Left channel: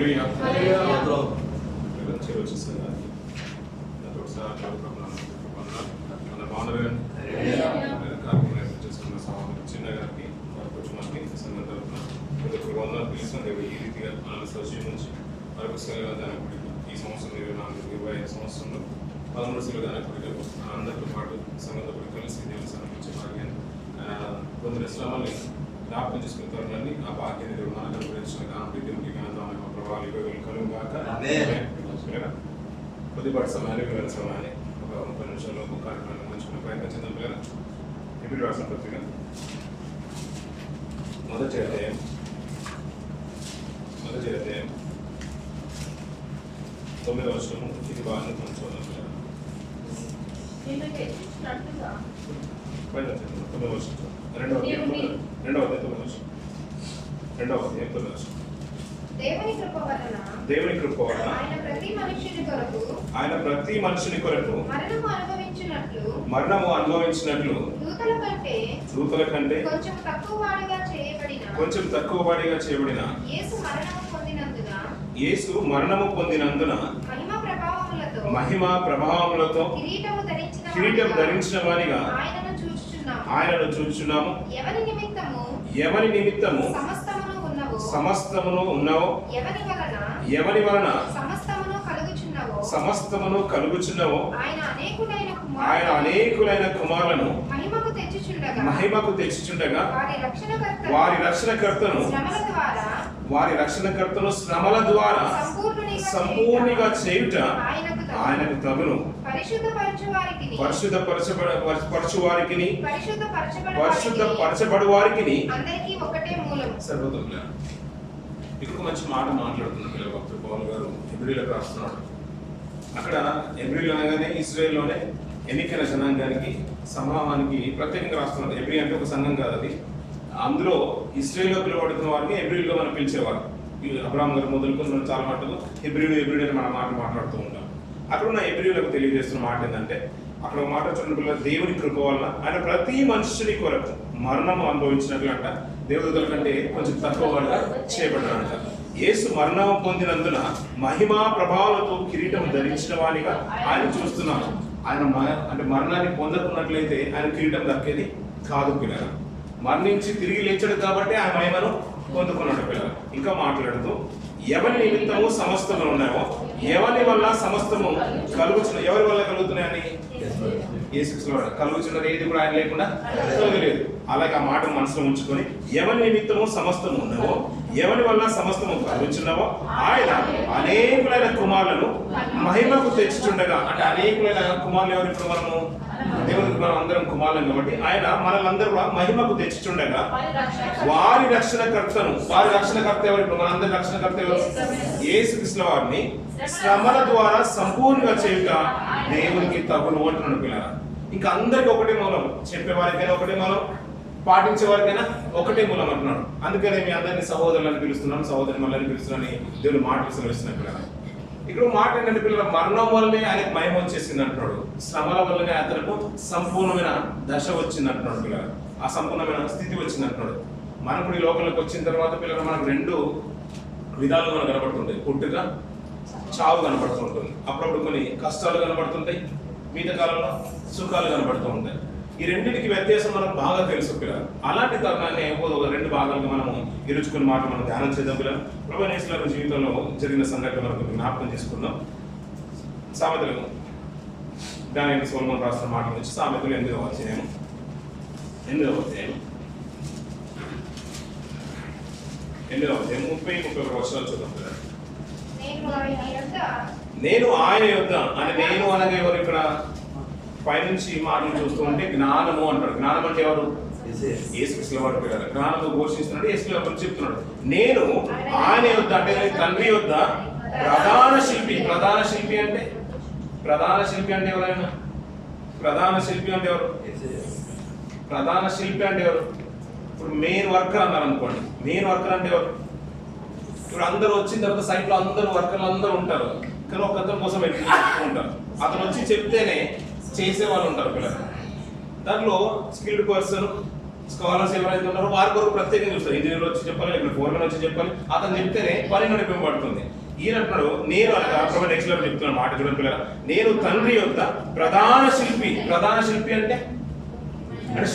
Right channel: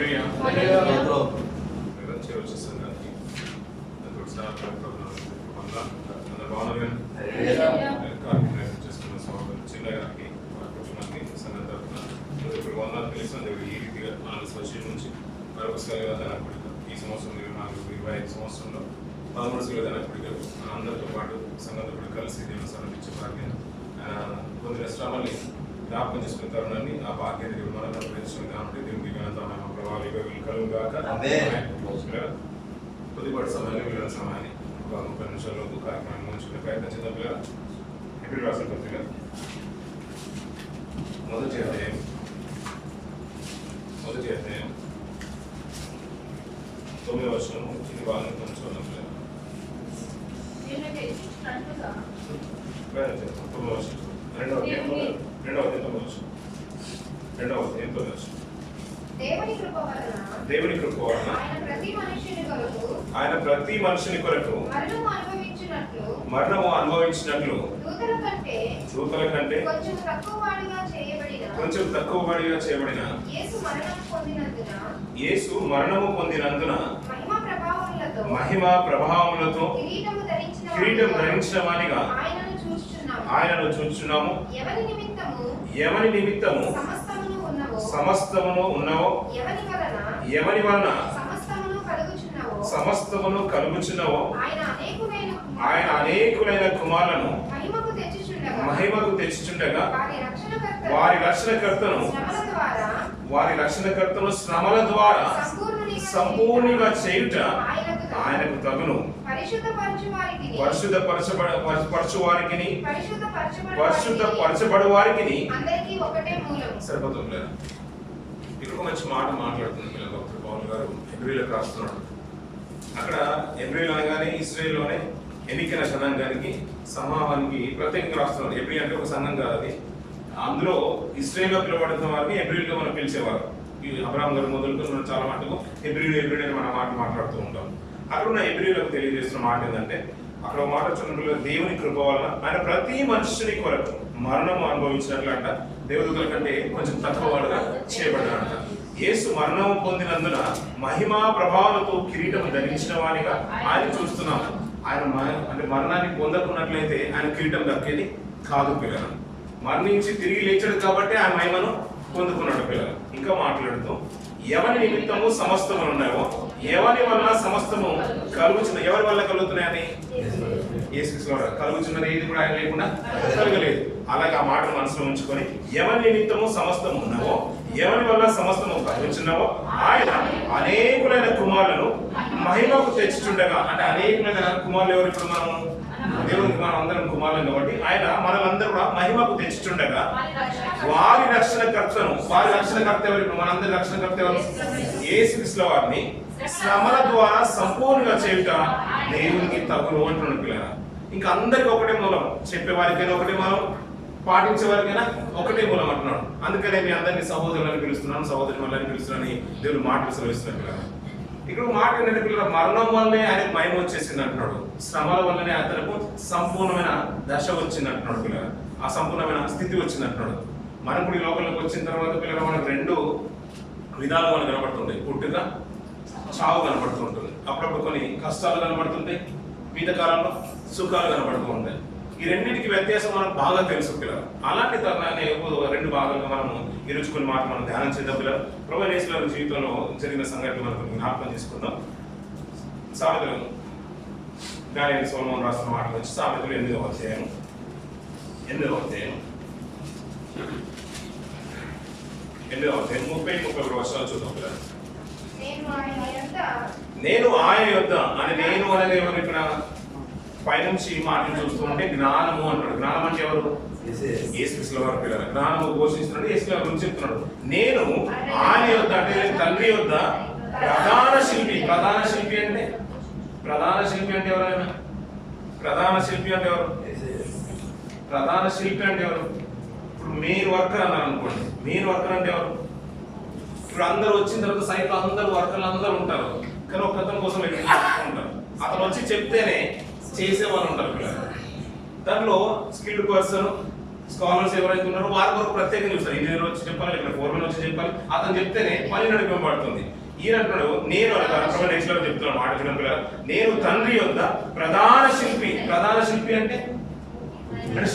చిన్న గారికి వారి కుటుంబానికి సంఘం తరఫున వందనాలు పిలుస్తాను. దేవుడు ఈ రీతిగా ఆనంద సజీవం నుంచి మరొక సెలవుదానపడిక ఈ సంవత్సరం 24-25 సంవత్సరంలో 13 సెలవుదానపడికలు అందరితో పాటు సంఘంతో పాటు కలిసి దేవుని సమర్పించే భాగ్యాన్ని పొందిన శ్రమల్ని జ్ఞాపకం చేసుకున్న తరుణాన్ని ఆ భాగ్యాన్ని దేవుడు మనకు అనుగ్రహించిన కాబట్టి దేవునికి ఘనత మహిమ ప్రభావాలు ఇవ్వగలు కలుగు గాక. కొద్దిపాటి సమయాన్ని వీళ్ళ సమయాన్ని ఒక 30 నిమిషాల్లోపు కార్యక్రమాన్ని ముగించుకునే ప్రయత్నం చేద్దాం. పిల్లల ఎప్పుడు రాసిన పత్రిక మొదటి అధ్యాయం 9వ వచనం ఇది బాగానే కొనసాగుతాం. పైన 9వ వచనం 2వ అధ్యాయం 9వ వచనం దేవుని కృప వలన ఆయన ప్రతి మనుషుని కొరకు మరణము అనుభవించినట్లు దూతల కంటే కొంచెం తక్కువ వాడిగా చేయబడిన యేసు మరణము పొందినందున మహిమా ప్రభావములతో కిరీటం ధరించిన వానిగా ఆయనను చూచుచున్నాము. ఎవని నిమిత్తము సమస్తమును ఉన్నవో ఎవని వలన సమస్తమును కలుగుచున్నవో ఆయన అనేకులైన కుమారులను మహిమకు తెచ్చుచుండగా వారి రక్షణకర్తను శ్రమల ద్వారా సంపూర్ణంగా చేయుట ఆయనకు తగును. పరిశుద్ధపరచబడు వారికి సరిపోతుంది. ఇక్కడ మంచి మాట మాట్లాడుతున్నారు పిల్లలు. భక్తుడు పౌలు గారు హెబ్రీలకు రాస్తున్నాడు. అక్కడ హెబ్రీలు అనగానే ఇశ్రాయేలులోనే ఎన్నికైన జనాంగానికి సమూహానికి ప్రత్యేకంగా రాస్తున్నారు. హెబ్రీ అంటే ఒక సంఘం కాదు, అది అందులో ఇశ్రాయేల్లో పిలువబడుతున్న వారిని హెబ్రీలుగా మనం పిలిచేవారు. అబ్రాహాం గారు మొదలుకొని చాలా మటుకు హెబ్రీలు అని మన మాట మాట్లాడుతూ ఉంటాం. అక్కడ ఉన్న హెబ్రీలకు తెలియజేస్తున్న మాట ఏంటంటే, అక్కడ ఒక మాట చూడండి పిల్లలు, దేవుని కృప వలన ఆయన ప్రతి మనుషుని కొరకు మరణము అనుభవించినట్లు అంట, దేవదూతల కంటే కొంచెం తక్కువ వాడుగా చేయబడ్డాడంట. యేసు మరణము పొందినందున మహిమా ప్రభావాలతో కిరీటం ధరించిన వానిగా ఆయన చూస్తున్నాము. ఆయన అంటే మరణాన్ని పొందకున్నట్లయితే ఆయన కిరీటం దక్కేది కాదు పిల్లలు. మరణించి తిరిగి లేచాడు కాబట్టి ఆయన మహిమను పొందుకున్నాడు పిల్లలు. ఇంకా మాట్లాడుతూ ఎవరి నిమిత్తము సమస్తములు ఉన్నాయో ఎవరి వల్ల సమస్తము కలుగుచున్న ఎవరి వల్ల కలుగుతున్నాయని యేసుక్రీస్తు కలుగుచున్నది ఏది కూడా ఆయన లేకుండా కలగలేదు. అలాగే ఆ మాట మనసులో ఉంచుకొని ఎవరి నిమిత్తము సమస్తము ఉన్నావో ఎవరి వల్ల సమస్తము కలుగుచున్నావో ఆయన అనేకులైన కుమారులను మహిమకు తెచ్చుచుండగా, అంటే అనేకులైన కుమారులు ఎవరు? ఇప్పుడు మనము దేవునికి మనం అందరం కుమారులు కాబట్టి ఆయన మనలందరూ కూడా మహిమకు తెచ్చుచుండగా వారి రక్షణకర్త ఎవరు? ఇప్పుడు మనందరి రక్షణకర్త ఎవరు? యేసుక్రీస్తు వారిని శ్రమల ద్వారా సంపూర్ణంగా చేయుట దేవునికి తగును అంటున్నాడు పిల్లల. ఇంకా అందరికి ఒకటే మూలం, చెప్పేవారికైనా ఒకటే మూలం, పాటించే వారికైనా ఒకటే మూలం అంటున్నాడు. అందుకనే మీ అందరినీ సహోదరులని పిలుస్తున్నాను, సహోదరి మళ్ళీ పిలుస్తున్నాను దేవుడు మాటలు సెలవిస్తున్నాడు పిల్లల. ఇక్కడ మాట ఏంటంటే పిల్లల, మరణం వల్లనే ఆయనకు మహిమ వచ్చేసింది అంటున్నాడు. శ్రమల వల్లనే అతనికి సంపూర్ణమైన దశ వచ్చింది అంటున్నాడు పిల్లల. ఆ సంపూర్ణమైన స్థితి వచ్చింది అంటున్నాడు. మనం కూడా ఈ లోకంలోకి వచ్చిన తర్వాత పిల్లలు మనకు 2 విధాలుగా మనకు కనబడుతుంటాయి. పుట్టుక, చావు కనబడుతూ ఉంటుంది. అప్పుడప్పుడు కొన్ని కష్టాలు కనబడుతుంటాయి, మిగతా కాలంలో సుఖాలు కనబడుతూ ఉంటాయి. ఈ రెండింటికి వ్యత్యాసం మనకు బాగా తెలుసు పిల్లలు. అలాంటి తరుణాన్ని 2 భాగాలుగా మనము ఈరోజు కొన్ని మాటలు మనం ధ్యానం చేద్దాం పిల్లలు. ప్రభువైన యేసు జీవితంలో జరిగిన సంఘటన మనకు జ్ఞాపకం చేసుకుందాం. సామెతలు దాని సొలొమోను రాసిన మాటలు వచ్చి సామెతలు 8వ అధ్యాయం 30-31 వర్షాలు చూద్దాం పిల్లలు. నేను ఆయన యొద్ద అని నేను అనగా ఎవరు? ఇక్కడ పైనుంచి మాటలు చూస్తూ ఉంటే జ్ఞానము అంటాడు. జ్ఞానం అంటే ఎవరు? యేసుక్రీస్తు వారు పిల్లలు. జ్ఞానము ఘోషిస్తున్నాడు, యేసుక్రీస్తు వారి గురించి చెప్తున్నాడు. నేను ఆయన యొద్ద అంటే తండ్రి యొద్ద ప్రధాన శిల్పి అంటే ఎవరైనా? ప్రధాన శిల్పి అంటే ఎవరు? ఇప్పుడు మెయిన్ వర్కర్ అన్నారు అనుకోండి. మెయిన్ వర్కర్ అంటే ఎవరు? ఇప్పుడు అందరూ వచ్చిన తర్వాత సైట్లో అందరూ వర్కర్లు అందరూ ఉంటారు, కానీ ఒక అతని కోసం ఉంటారు. అతను వచ్చి చెప్తేనే చేసే వాళ్ళు ఉంటారు పిల్లలు. దాంట్లో స్కిల్డ్ పర్సన్, స్కాలర్స్ ఎవరైతే ఉన్నారో వారి కొరకు ప్రత్యేకంగా చూస్తారు. ఇంజనీర్ వచ్చి చెప్పాలి, లేకపోతే ఫోర్మెన్ వచ్చి చెప్పాలి, అతను చెప్తేనే పని నడిపింపబడుతుంది. ఈయన అంటున్నాడు, నేను అనగా నెక్స్ట్ లెవెల్ చెప్తున్నాను మాట చూడండి పిల్లలు, నేను తండ్రి యొక్క ప్రధాన శిల్పి. ప్రధాన శిల్పి అంటే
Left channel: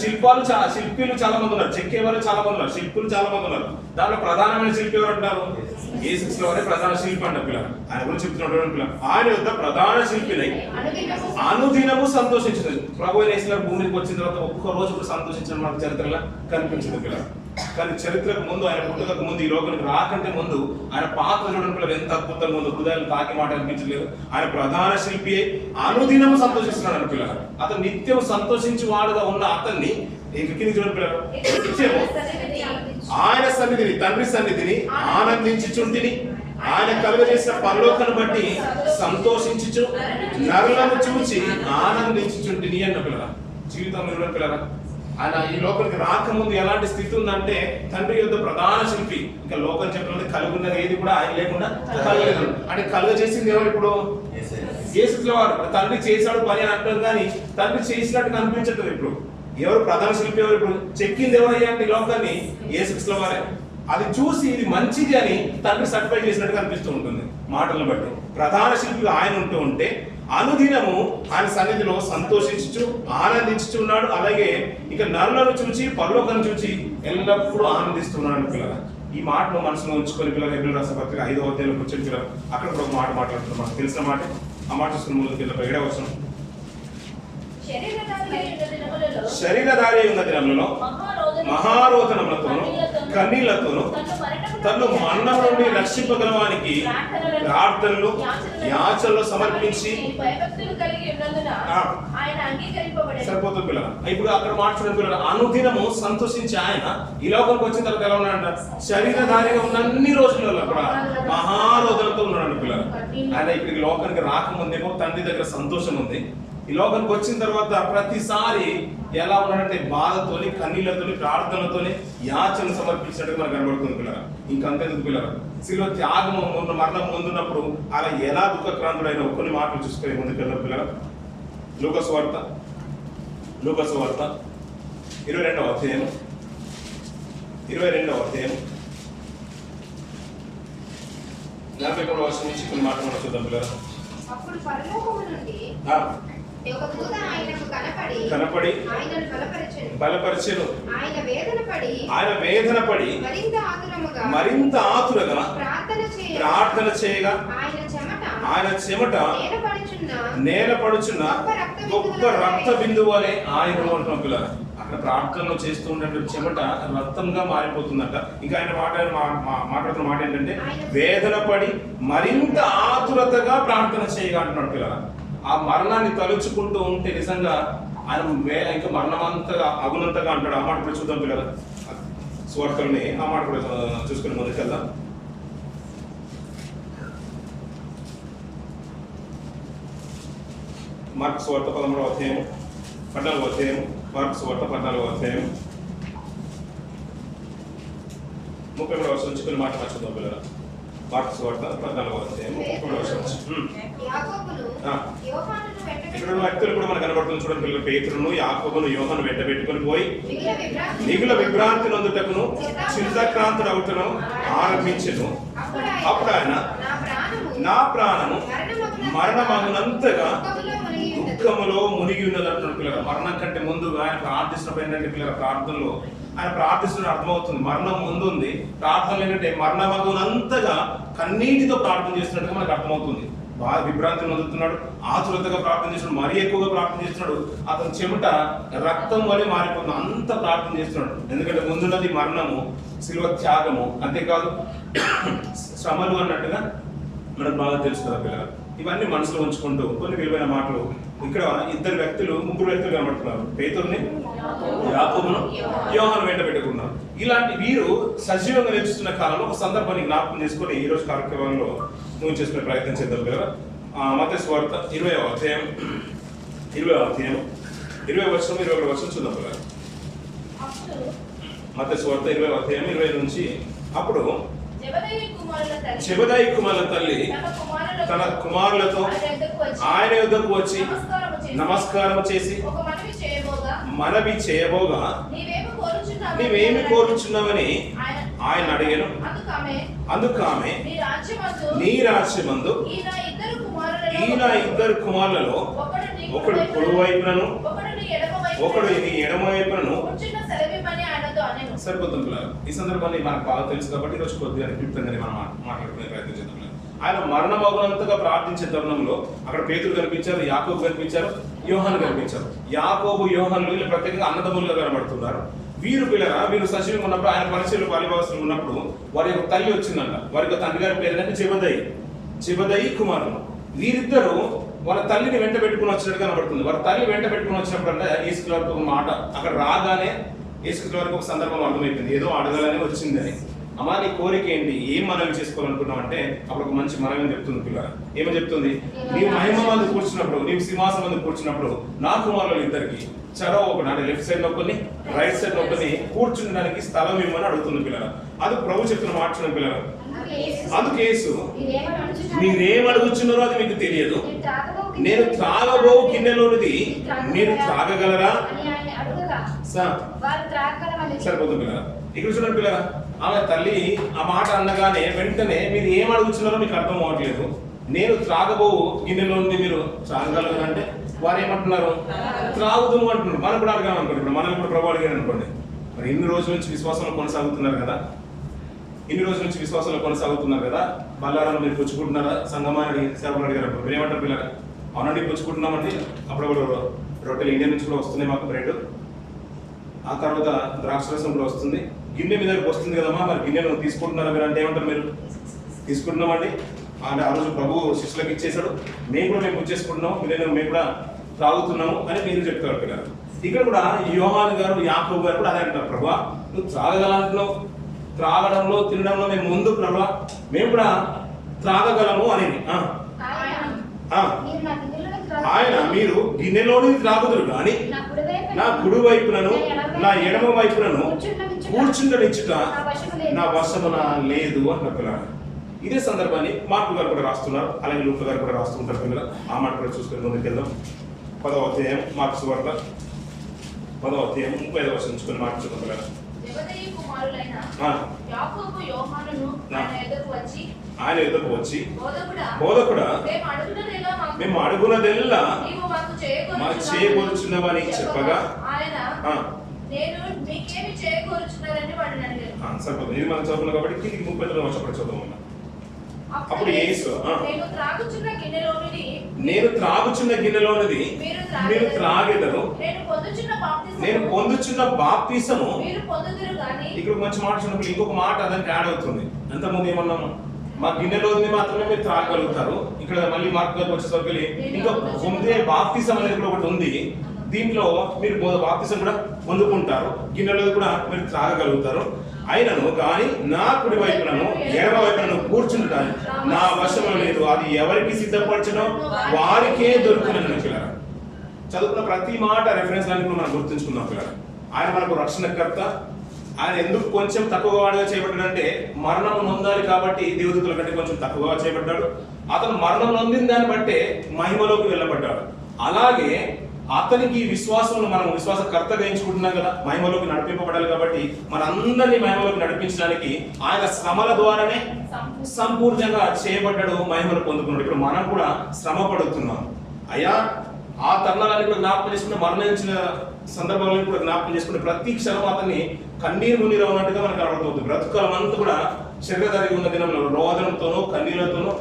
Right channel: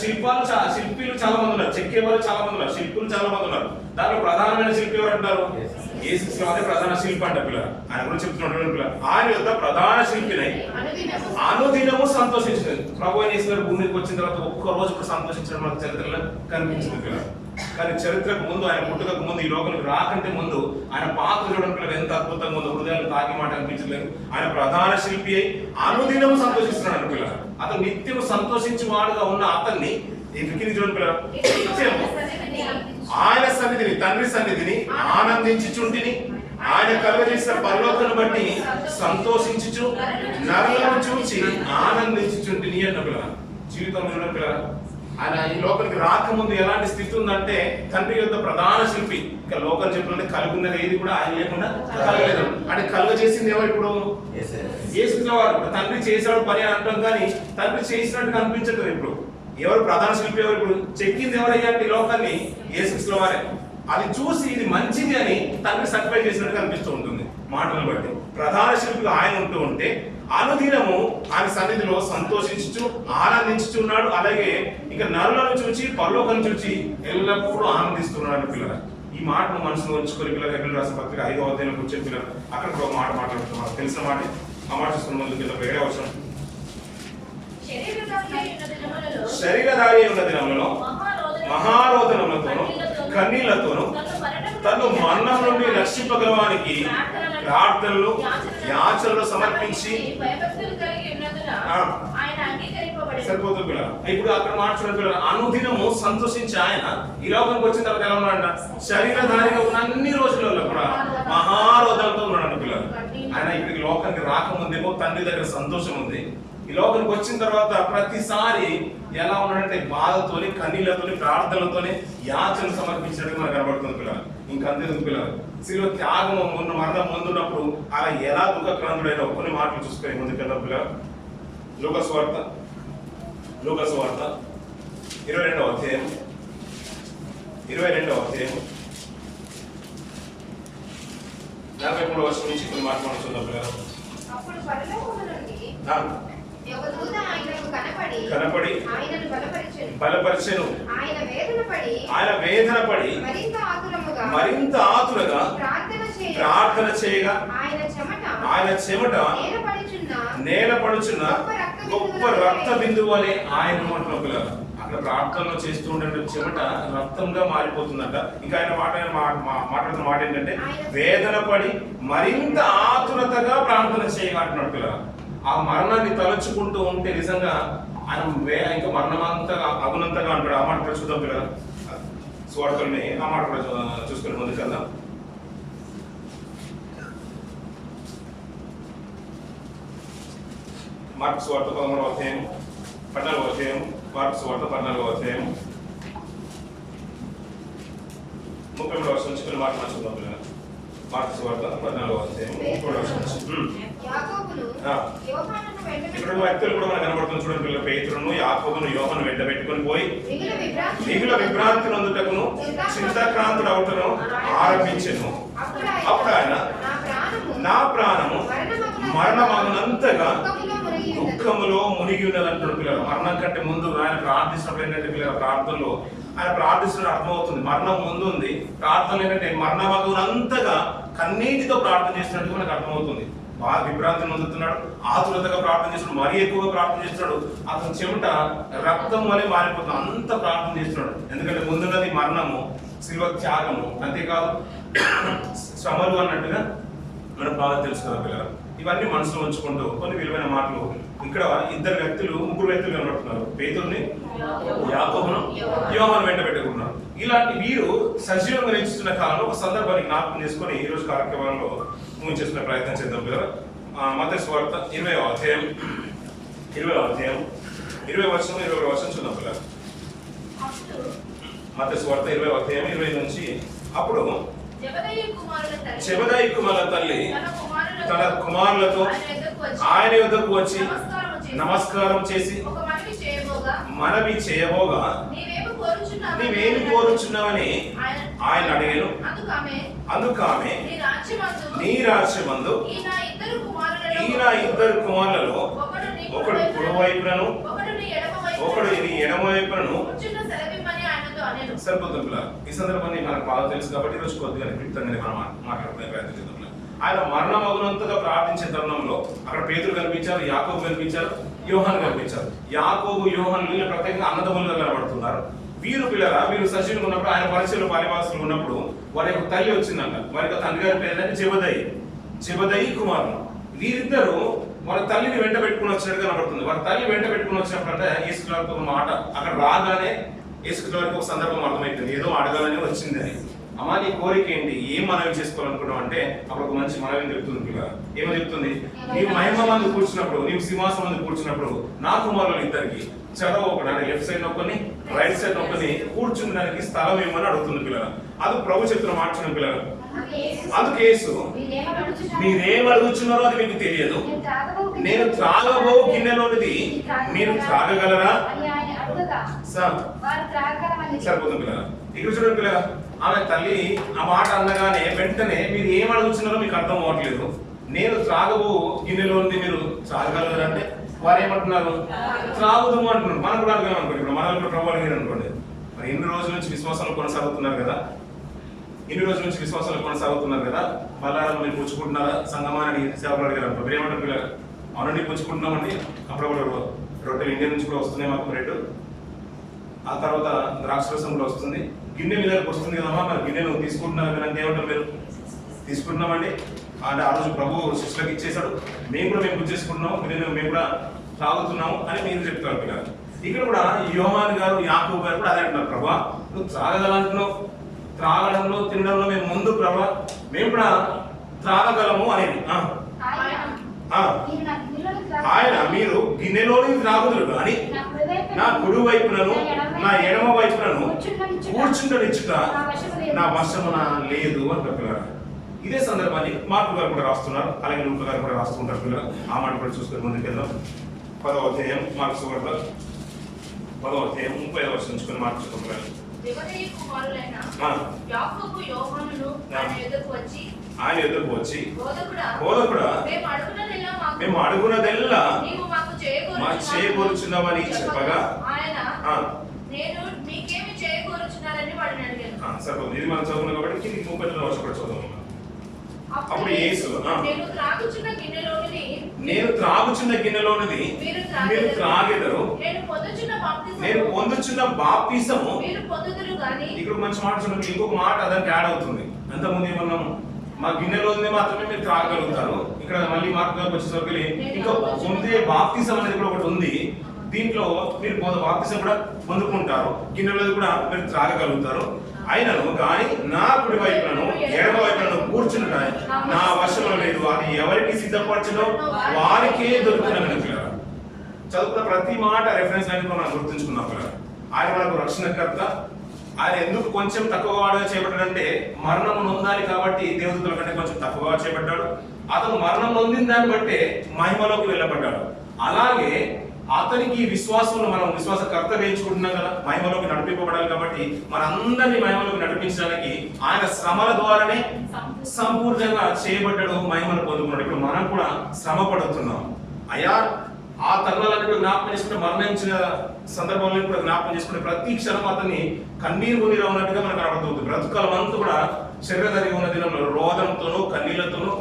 శిల్పులు చాలా మంది ఉన్నారు, చెక్కే వాళ్ళు చాలా మంది ఉన్నారు, శిల్పులు చాలా మంది ఉన్నారు. దాంట్లో ప్రధానమైన శిల్పి ఎవరు అంటారు? యేసుక్రీస్తు వారే ప్రధాన శిల్పి అంట పిల్లలు. ఆయన గురించి చెప్తున్నాడు పిల్లలు, ఆయన యొక్క ప్రధాన శిల్పిని అనుదినము సంతోషించింది. ప్రభు అయిన యేసు గారు భూమికి వచ్చిన తర్వాత ఒక్క రోజు కూడా సంతోషించడం మనకు చరిత్రలో కనిపించింది పిల్లలు. కానీ చరిత్రకు ముందు, ఆయన పుట్టుకకు ముందు, ఈ లోకానికి రాకంటే ముందు ఆయన పాత్ర చూడడం పిల్లలు ఎంత అద్భుతంగా ఉందో, హృదయాలు తాకి మాట అనిపించలేదు. ఆయన ప్రధాన శిల్పి అయి అనుదినము సంతోషిస్తున్నాడు పిల్లలు. అతను నిత్యం సంతోషించి వాడుగా ఉన్న అతన్ని చూడండి పిల్లలు, నిత్యము ఆయన సన్నిధిని, తండ్రి సన్నిధిని ఆనందించుచుంటిని, ఆయన కలుగజేసిన పరలోకను బట్టి సంతోషించుచు నరులను చూచి ఆనందించుచుంటిని అన్న పిల్లల. జీవితంలో చూడండి పిల్లల, ఆయన ఈ లోకానికి రాకముందు ఎలాంటి స్థితి ఉందంటే తండ్రి యొక్క ప్రధాన శిల్పి. ఇంకా లోకం చెప్పాలంటే కలుగున్నది ఏది కూడా ఆయన లేకుండా కలగలేదు. అంటే కలుగజేసింది ఎవరు? ఇప్పుడు యేసుక్రీస్తు వారు. తండ్రి చేశాడు పని అని అంటాం కానీ తండ్రి చేసినట్టు కనిపించట్లేదు. ఇప్పుడు ఎవరు ప్రధాన శిల్పి? ఎవరు? ఇప్పుడు చెక్కింది ఎవరయ్యా అంటే ఈ లోకాన్ని యేసుక్రీస్తు వారే. అది చూసి ఇది మంచిది అని తండ్రి సర్టిఫై చేసినట్టు కనిపిస్తూ ఉంటుంది మాటలను బట్టి. ప్రధాన శిల్పిగా ఆయన ఉంటూ ఉంటే అనుదినము ఆయన సన్నిధిలో సంతోషించుచు ఆనందించుచు ఉన్నాడు. అలాగే ఇంకా నరులను చూచి పరలోకను చూచి ఎల్లప్పుడూ ఆనందిస్తున్నాడు పిల్లల. ఈ మాటను మనసులో ఉంచుకొని పిల్లలు హెబ్రీయుల రాసిన పత్రిక 5వ అధ్యాయంలో కూర్చొని పిల్లలు అక్కడ ఒక మాట మాట్లాడుతున్నాం. తెలిసిన మాట, ఆ మాట చూసుకుని ముందు పిల్లలు ఏడవ వచనం, శరీరధారి ఉన్న దినములలో మహారోదనములతోను కన్నీళ్లతోను తను మరణం నుండి రక్షింపగలవానికి ప్రార్థనలు యాచనలు సమర్పించి సరిపోతుంది పిల్లలు. ఇప్పుడు అక్కడ మాట్లాడుతున్న పిల్లలు అనుదినము సంతోషించి ఆయన ఈ లోకానికి వచ్చిన తర్వాత ఎలా ఉన్నాడంట? శరీరధారిగా ఉన్న అన్ని రోజులలో కూడా మహారోదనతో ఉన్నాడు పిల్లలు. ఆయన ఇక్కడికి లోకానికి రాకముందేమో తండ్రి దగ్గర సంతోషం ఉంది. ఈ లోకానికి వచ్చిన తర్వాత ప్రతిసారి ఎలా ఉన్నాడంటే బాధతోని, కన్నీళ్లతోని, ప్రార్థనలతోని యాచనలు సమర్పించినట్టు మనకు కనబడుతుంది పిల్లలు. ఇంకంతేందుకు పిల్లలు, శిలువ త్యాగం మరణం ముందున్నప్పుడు అలా ఎలా దుఃఖక్రాంతుడైన కొన్ని మాటలు చూసుకొని ముందుకు వెళ్దాం పిల్లలు. లూకాసు వార్త 22వ అధ్యాయం 43వ వచనం నుంచి కొన్ని మాటలు మనం చూద్దాం పిల్లలు. కనపడి బలపరిచెను. ఆయన వేదన పడి మరింత ఆతురగా ప్రార్థన చేయగా ఆయన చెమట నేల పడుచున్న గొప్ప రక్త బిందువు వలె ఆయన అంటున్నాం పిల్లలు. అక్కడ ప్రార్థనలో చేస్తూ ఉండే చెమట రక్తంగా మారిపోతుందంట. ఇంకా ఆయన మాట్లాడుతున్న మాట ఏంటంటే వేదన పడి మరింత ఆతురతగా ప్రార్థన చేయగా అంటున్నాడు పిల్లలు. ఆ మరణాన్ని తలుచుకుంటూ ఉంటే నిజంగా ఆయన ఇంకా మరణమంతగా అగునంతగా అంటాడు. ఆ మాట కూడా చూద్దాం పిల్లలు. సువార్తల్ని ఆ మాట కూడా చూసుకుని ముందుకు వెళ్దాం. మార్కు సువార్త 13వ అధ్యాయం 14వ అధ్యాయం, మార్కు సువార్త 14వ అధ్యాయం 33వ వచనం నుంచి కొన్ని మాటలు చూద్దాం పిల్లలు. మార్కు సువార్త 14వ అధ్యాయం 33వ వచనం నుంచి ఇక్కడ వ్యక్తులు కూడా మనకు కనబడుతుంది చూడండి పిల్లలు. పేతురును యాకోబును యోహాను వెంట పెట్టుకొని పోయి మిగిలిన విభ్రాంతి నొందుటకును చింతాక్రాంతుడు అవుతను ఆరంభించెను. అప్పుడు ఆయన నా ప్రాణము మరణమగునంతగా దుఃఖములో మునిగి ఉన్నది అంటున్నాడు పిల్లలు. మరణం కంటే ముందు ఆయన ప్రార్థిస్తున్నప్పుడు ఏంటంటే పిల్లల ప్రార్థనలో ఆయన ప్రార్థిస్తున్న అర్థమవుతుంది. మరణం ముందు ఉంది, ప్రార్థన ఏంటంటే మరణమగునంతగా కన్నీటితో ప్రార్థన చేస్తున్నట్టుగా మనకు అర్థమవుతుంది. బాగా విభ్రాంతిని పొందుతున్నాడు, ఆతురతగా ప్రార్థన చేస్తున్నాడు, మరీ ఎక్కువగా ప్రార్థన చేస్తున్నాడు. అతని చెమట రక్తం వలె మారిపోతుంది, అంత ప్రార్థన చేస్తున్నాడు. ఎందుకంటే ముందున్నది మరణము, శిలువ త్యాగము, అంతేకాదు శ్రమలు అన్నట్టుగా మనకు బాగా తెలుసు కదా పిల్లలు. ఇవన్నీ మనసులో ఉంచుకుంటూ కొన్ని విలువైన మాటలు ఇక్కడ ముగ్గురు వ్యక్తులు కనబడుతున్నారు. పేతురుని, యాకోబును, యోహాను వెంట పెట్టుకున్నారు. ఇలాంటి వీరు సజీవంగా నిలుస్తున్న కాలంలో ఒక సందర్భాన్ని జ్ఞాపకం చేసుకొని ఈ రోజు కార్యక్రమంలో చేసుకునే ప్రయత్నం చేద్దాం కదా. మత్తయి సువార్త 20వ అధ్యాయం 20 వచనం 21 వచనం చూద్దాం కదా. మత్తయి సువార్త 20వ అధ్యాయం 20 నుంచి అప్పుడు జెబెదాయి కుమారుల తల్లి తన కుమారులతో ఆయన యొద్దకు వచ్చి నమస్కారం చేసి మనవి చేయబోగా నీవేమి కోరుచున్నావని ఆయన అడిగాను. అందుకు ఆమె నీ రాజ్యమందు ఈ నా ఇద్దరు కుమారులలో ఒకడు కుడి వైపునను ఒకడు నీ ఎడమ వైపునను. సరిపోతుంది. ఈ సందర్భాన్ని మనకు బాగా తెలుసు కాబట్టి ఈరోజు కొద్దిగా క్లుప్తంగానే మనం మాట్లాడుకునే ప్రయత్నం చేద్దాం. ఆయన మరణమగునంతగా ప్రార్థించే తరుణంలో అక్కడ పేతురు కనిపించారు, యాకోబు కనిపించారు, యోహాను కనిపించారు. యాకోబు యోహాను వీళ్ళు ప్రత్యేకంగా అన్నదమ్ములుగా కనబడుతున్నారు. వీరు పిల్లరా వీరు సజీవంగా ఉన్నప్పుడు ఆయన పరిచయంలో పాలిభాగస్తులు ఉన్నప్పుడు వారి యొక్క తల్లి వచ్చిందంట. వారి యొక్క తండ్రి గారి పేరు అంటే జెబెదయి కుమారులు. వీరిద్దరూ వాళ్ళ తల్లిని వెంట పెట్టుకుని వచ్చినట్టు కనబడుతుంది. వాళ్ళ తల్లి వెంట పెట్టుకుని వచ్చినప్పుడు అంటే యేసుక్రీస్తు వారికి ఒక మాట అక్కడ రాగానే యేసుక్రీస్తు వారికి ఒక సందర్భం అర్థమైపోయింది, ఏదో అడగాలని వచ్చింది అని. అమ్మా నీ కోరిక ఏంటి, ఏం మనవి చేసుకోవాలనుకున్నావు అంటే అప్పుడు ఒక మంచి మనవి చెప్తుంది. పిల్లలు ఏమని చెప్తుంది, నీవు మహిమ మందు కూర్చున్నప్పుడు, నీవు సింహాసనం మందు కూర్చున్నప్పుడు నా కుమారులు ఇద్దరికి చడవ ఒకటి అంటే లెఫ్ట్ సైడ్ నొక్కని రైట్ సైడ్ నొక్కని కూర్చుండడానికి స్థలం ఇవ్వమని అడుగుతుంది. పిల్లలు అది ప్రభు చెప్తున్న మాట. పిల్లలు అందుకు యేసు మీరేం అడుగుతున్నారో అది మీకు తెలియదు, నేను త్రాగబో గిన్నెలోనిది మీరు త్రాగగలరా? సరిపోతుంది. పిల్లలు ఇక్కడ చూడండి. పిల్లలు ఆమె తల్లి ఆ మాట అనగానే వెంటనే మీరు ఏం అడుగుతున్నారో మీకు అర్థం అవ్వట్లేదు. నేను త్రాగబో గిన్నెలోనిది మీరు త్రాగగలరా అంటే వారు ఏమంటున్నారు, త్రాగుదుము అంటున్నారు. మనం కూడా అడగాం అనుకోండి. ఇప్పుడు మనల్ని కూడా ప్రభావం అడిగారు అనుకోండి. మరి ఇన్ని రోజుల నుంచి విశ్వాసంలో కొనసాగుతున్నారు కదా, బల్లాలను మీరు పుచ్చుకుంటున్నారా సంగమాన్ని సేవలు అడిగారు అనుకో, మీరు ఏమంటారు పిల్లలు? అవునండి పుచ్చుకుంటున్నామండి. అప్పుడప్పుడు రొట్టెలు ఇండియా నుంచి కూడా వస్తున్నాయి మాకు బ్రెడ్, ఆ తర్వాత ద్రాక్ష రసం కూడా వస్తుంది, గిన్నె మీ దగ్గరకు వస్తుంది కదమ్మా, మరి గిన్నెను తీసుకుంటున్నారా మీరు అంటే ఏమంటారు మీరు? తీసుకుంటున్నామండి అంటే ఆ రోజు ప్రభు శిష్యులకు ఇచ్చేసాడు, మేము పుచ్చేసుకుంటున్నాము, మేము కూడా త్రాగుతున్నాము అని మీరు చెప్తారు పిల్లలు. ఇక్కడ కూడా యోహాను గారు యాకోబు గారు కూడా అదే అంటున్నారు, ప్రభా నువ్వు త్రాగగలంటున్నావు, త్రాగడంలో తినడంలో మేము ముందు ప్రభా మేము కూడా త్రాగగలము అనేది. ఆయన మీరు గిన్నెలోని త్రాగుదురు కానీ నా కుడి వైపునను నా ఎడమ వైపునను కూర్చుండనిచ్చుట నా వశమున లేదు అంటారు పిల్లలు. ఇదే సందర్భాన్ని మార్కు గారు కూడా రాస్తున్నారు, అలాగే లూకా గారు కూడా రాస్తుంటారు పిల్లలు. ఆ మాట కూడా చూసుకొని ముందుకెళ్దాం. 10వ అధ్యాయం మార్కు సువార్త 10వ అధ్యాయం 35వ వచనం నుంచుకొని మాట చూద్దాం పిల్లలు. ఆయన ఎదురుకు వచ్చి బోధకుడా మేము అడుగునదెల్లా మా చేయకూర్చున్నామని చెప్పగా సరిపోతుంది. ఇది మనం చదువుకున్నాం కాబట్టి కిందికి 39వ వచనం కూడా చదువుదాం. అప్పుడు యేసు నేను త్రాగుచున్న గిన్నెలోనిది మీరు త్రాగెదరు, నేను పొందుచున్న బాప్తిసము. ఇక్కడ మంచి మాట చూడండి, ఇంకొక మాట దానికి యాడ్ అవుతుంది. అంతకుముందు ఏమన్నాము, మా గిన్నెలోని మాత్రమే మీరు త్రాగలుగుతారు. ఇక్కడ మళ్ళీ మార్కు గారికి వచ్చేసరికి ఇంకా పొందే బాప్తిసం అనేది కూడా ఒకటి ఉంది. దీంట్లో మీరు బాప్తిసం కూడా పొందుకుంటారు, గిన్నెలో కూడా మీరు త్రాగగలుగుతారు. అయినను కానీ నా కుడి వైపునను ఎడమ వైపునను కూర్చుంటా నా వశంలో లేదు, అది ఎవరికి సిద్ధపరచునో వారికే దొరుకుతుందని పిల్లలు. చదువుకున్న ప్రతి మాట రెఫరెన్స్ అనేది మనం గుర్తుంచుకున్నాం పిల్లలు. ఆయన మనకు రక్షణకర్త. ఆయన ఎందుకు కొంచెం తక్కువ వాడుగా చేపట్టాడంటే మరణం నొందాలి కాబట్టి దేవదూతల కంటే కొంచెం తక్కువగా చేపట్టాడు. అతను మరణం నొందిన దాన్ని బట్టే మహిమలోకి వెళ్ళబడ్డాడు. అలాగే అతనికి విశ్వాసంలో మనం విశ్వాసకర్తగా ఎంచుకుంటున్నాం కదా, మహిమలోకి నడిపింపబడాలి కాబట్టి మనందరినీ మహిమలోకి నడిపించడానికి ఆయన శ్రమల ద్వారానే సంపూర్ణంగా చేయబడ్డాడు, మహిమను పొందుకున్నాడు. ఇప్పుడు మనం కూడా శ్రమ పడుతున్నాం. అయ్యా ఆ తరుణాలన్నీ కూడా జ్ఞాపకం చేసుకుంటే, మరణించిన సందర్భంలో కూడా జ్ఞాపకం చేసుకుంటే ప్రతి క్షణం అతన్ని కన్నీరు మున్నీరు ఉన్నట్టుగా మనకు కనబడుతుంది. బ్రతుకాలం అంతా కూడా శరీరధారిగా ఉన్న దినంలో రోదనతోనూ కన్నీళ్లతోనూ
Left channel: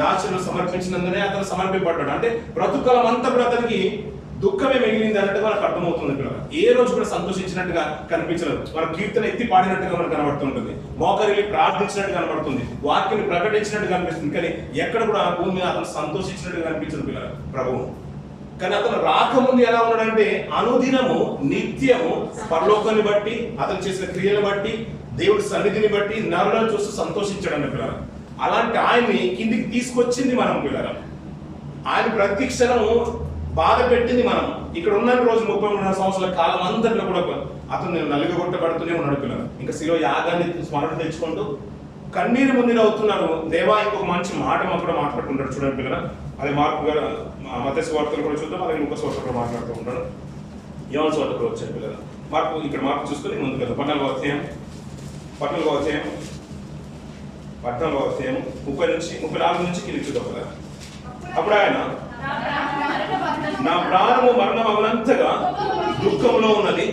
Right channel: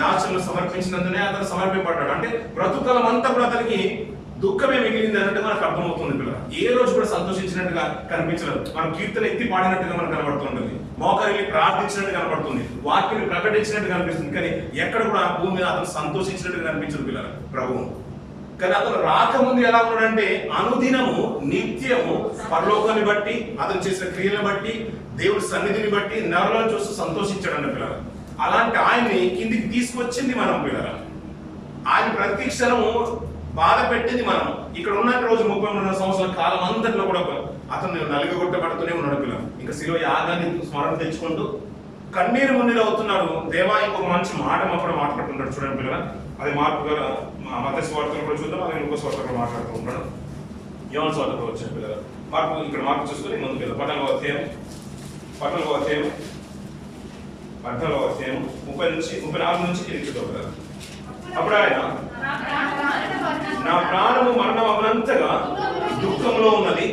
యాచనలు సమర్పించినందునే అతను సమర్పింపబడ్డాడు. అంటే బ్రతుకాలం అంతా కూడా అతనికి దుఃఖమే మిగిలింది అన్నట్టుగా మనకు అర్థమవుతుంది. పిల్లలు ఏ రోజు కూడా సంతోషించినట్టుగా కనిపించలేదు. మనం కీర్తన ఎత్తి పాడినట్టుగా మనకు కనబడుతుంటుంది, మోకరిల్లి ప్రార్థించినట్టు కనబడుతుంది, వాక్యాన్ని ప్రకటించినట్టు కనిపిస్తుంది. కానీ ఎక్కడ కూడా భూమి మీద అతను సంతోషించినట్టుగా కనిపించదు పిల్లలు ప్రభువు. కానీ అతను రాకముందు ఎలా ఉన్నాడంటే అనుదినము నిత్యము పరలోకాన్ని బట్టి, అతను చేసిన క్రియలను బట్టి, దేవుడి సన్నిధిని బట్టి నరులను చూస్తూ సంతోషించాడండి పిల్లలు. అలాంటి ఆయన్ని కిందికి తీసుకొచ్చింది మనం పిల్లలు. ఆయన ప్రతి క్షణము బాధ పెట్టింది మనం. ఇక్కడ ఉన్న రోజు 33 సంవత్సరాల కాలం అంతట్లో కూడా అతను నలుగగొట్టబడుతూనే ఉన్నాడు పిల్లలు. ఇంకా శిలువ యాగాన్ని స్మరణ తెచ్చుకుంటూ కన్నీరు మున్నీరు అవుతున్నాడు. దేవా ఇంకొక మంచి మాట అప్పుడు మాట్లాడుతుంటాడు చూడండి పిల్లలు. అది మార్కు గారు మత్తయి సువార్తలు కూడా చూద్దాం, అలాగే లూకా సువార్తలు కూడా మాట్లాడుతూ ఉంటాడు. యోహాను సువార్త కూడా వచ్చాడు పిల్లలు. ఇక్కడ మార్పు చూసుకొని ముందుకు వెళ్దాం. 30 నుంచి కిందికి చూద్దాం కదా. అప్పుడు ఆయన, నా ప్రాణము మరణం అవనంతగా దుఃఖంలో ఉన్నది,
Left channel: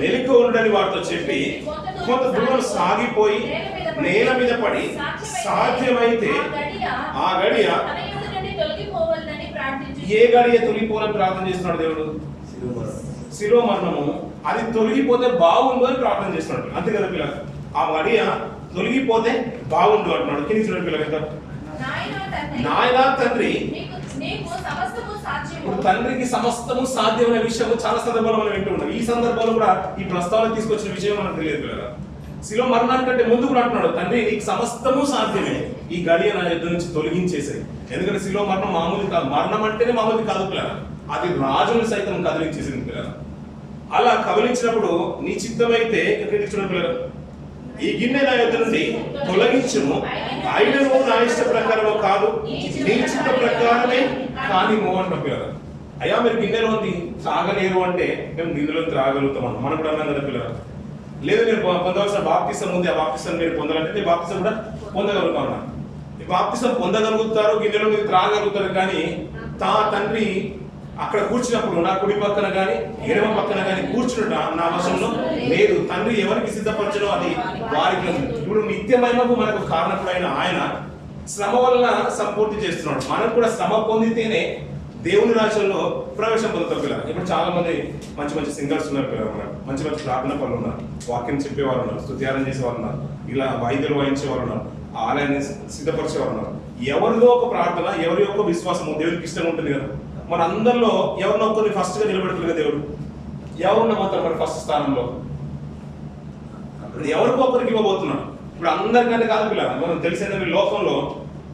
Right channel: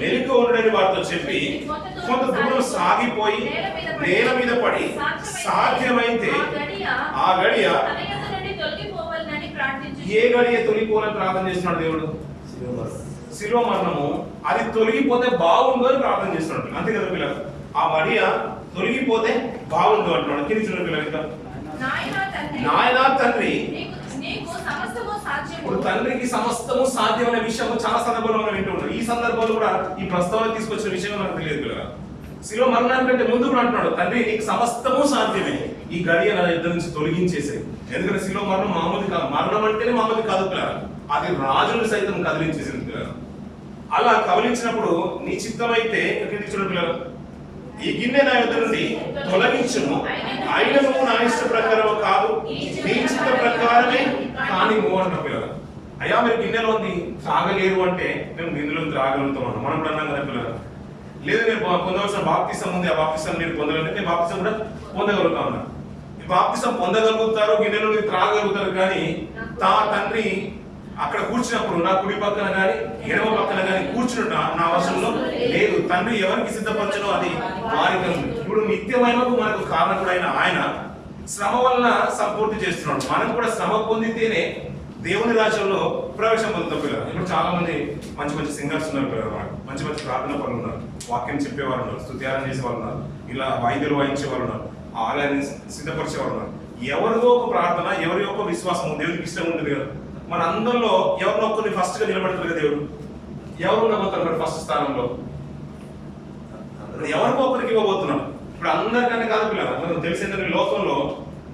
మెలకు ఉండని వారితో చెప్పి కొంత దూరం సాగిపోయి నేల మీద పడి సాధ్యమైతే ఆ గడియ, ఏ గడియ తొలగిపోవాలని ప్రార్థన చేస్తున్నాడు దేవుడు? శిలువ మరణము అది తొలగిపోతే బాగుండు అని ప్రార్థన చేస్తున్నాడు. అంతే కదా పిల్లలు? ఆ గడియ తొలగిపోతే బాగుండు అంటున్నాడు. కింది చూడండి పిల్లలు. ఇంకా నాయనా తండ్రి, ఇప్పుడు తండ్రికి సమస్తము సాధ్యమైన విషయం చాలా సందర్భాలు మనం వింటూ ఉంటాం. ఈ సందర్భాలు కూడా ఈ ప్రస్తావన తీసుకొచ్చిన విషయం మనకు తెలియదు పిల్లలు. శిలువ మరణానికంటే ముందు కూడా అంటున్నాడు, తండ్రి నీకు సమస్తము సాధ్యమే, ఈ గడియ నా యుద్ధం నుంచి తొలగించేసాయి. ఎందుకంటే శిలువ మరణం మామూలు కాదు. మరణం అంటేనే మామూలు కాదు పిల్లలు. అది రాజును సైతం కదిలించేసింది పిల్లలు. అలా కదిలించినప్పుడు నీ చిత్తమైతే చూడండి పిల్లలు, ఈ గిన్నె నా యుద్ధ నుండి తొలగించును, అయినను నా ఇష్ట ప్రకారము కాదు, నీ చిత్త ప్రకారమే కానిము అంటారు పిల్లలు. అయ్యా మీరు గిన్నెలో ఉంది త్రాగలేరు అంటే మేము గిన్నెలో త్రాగలుగుతాం అన్న. మనం కూడా అన్నాం కదా పిల్లలు. లేదు మీరు పొందవలసిన బాప్తిసం ఉంది, ఆ బాప్తిసం మీరు పొందాలంటే మీ బాప్తిసం కూడా పొందగలుగుతాం అన్న. ఈ బాప్తిసం పొందగలుగుతారు, గిన్నెలో త్రాగలుగుతారు. కానీ తండ్రి అక్కడ కూర్చున్నప్పుడు నా కుడి పక్కన కానీ ఎడమ పక్కన కానీ కూర్చుంట నా వశంలో లేదు. తండ్రి ఎవరికి సిద్ధపరచనో అది వారికి ఉంది. ఇప్పుడు నిత్యమైనకు మనకు కారణకుడైన ఆయన శ్రమ వలన సంపూర్తి చేస్తున్నాడు. మనం కూడా శ్రమ పొందితేనే దేవుని రాజ్యంలో ప్రవేశం పొందుతాం పిల్లలు. ఇప్పుడు చాలా మంది మంచి మంచి సింగర్స్ ఉన్నారు పిల్లలు, మనకు మంచి మంచి ప్రార్థన పనులు ఉన్నారు, వాక్యం చెప్పేవారు ఉన్నారు, స్తుత్యారం చేసేవారు ఉన్నారు, ఇలా వాయిద్యాలు వాయించే వాళ్ళు ఉన్నారు, ఆలయాన్ని సిద్ధపరిచే వాళ్ళు ఉన్నారు. ఎవరిదో ఒక ప్రార్థన, ఎవరి యొక్క విశ్వాసం దేవునికి ఇష్టం ఉంటుంది కదా. మన అందరిలో ఎవరినో ఒక్కరిని ఫస్ట్ గా నిలబెడతారు కదా దేవుడు. ఎవరు నమ్ముతారు మరి ఫస్ట్ స్థానంలో? ఎవరికో ఒకరికి ఇవ్వబోతున్నాడు. ఇప్పుడు అందరికంటే కాదు పిల్లలు, మనం తెలిసిందంటే లోకంలో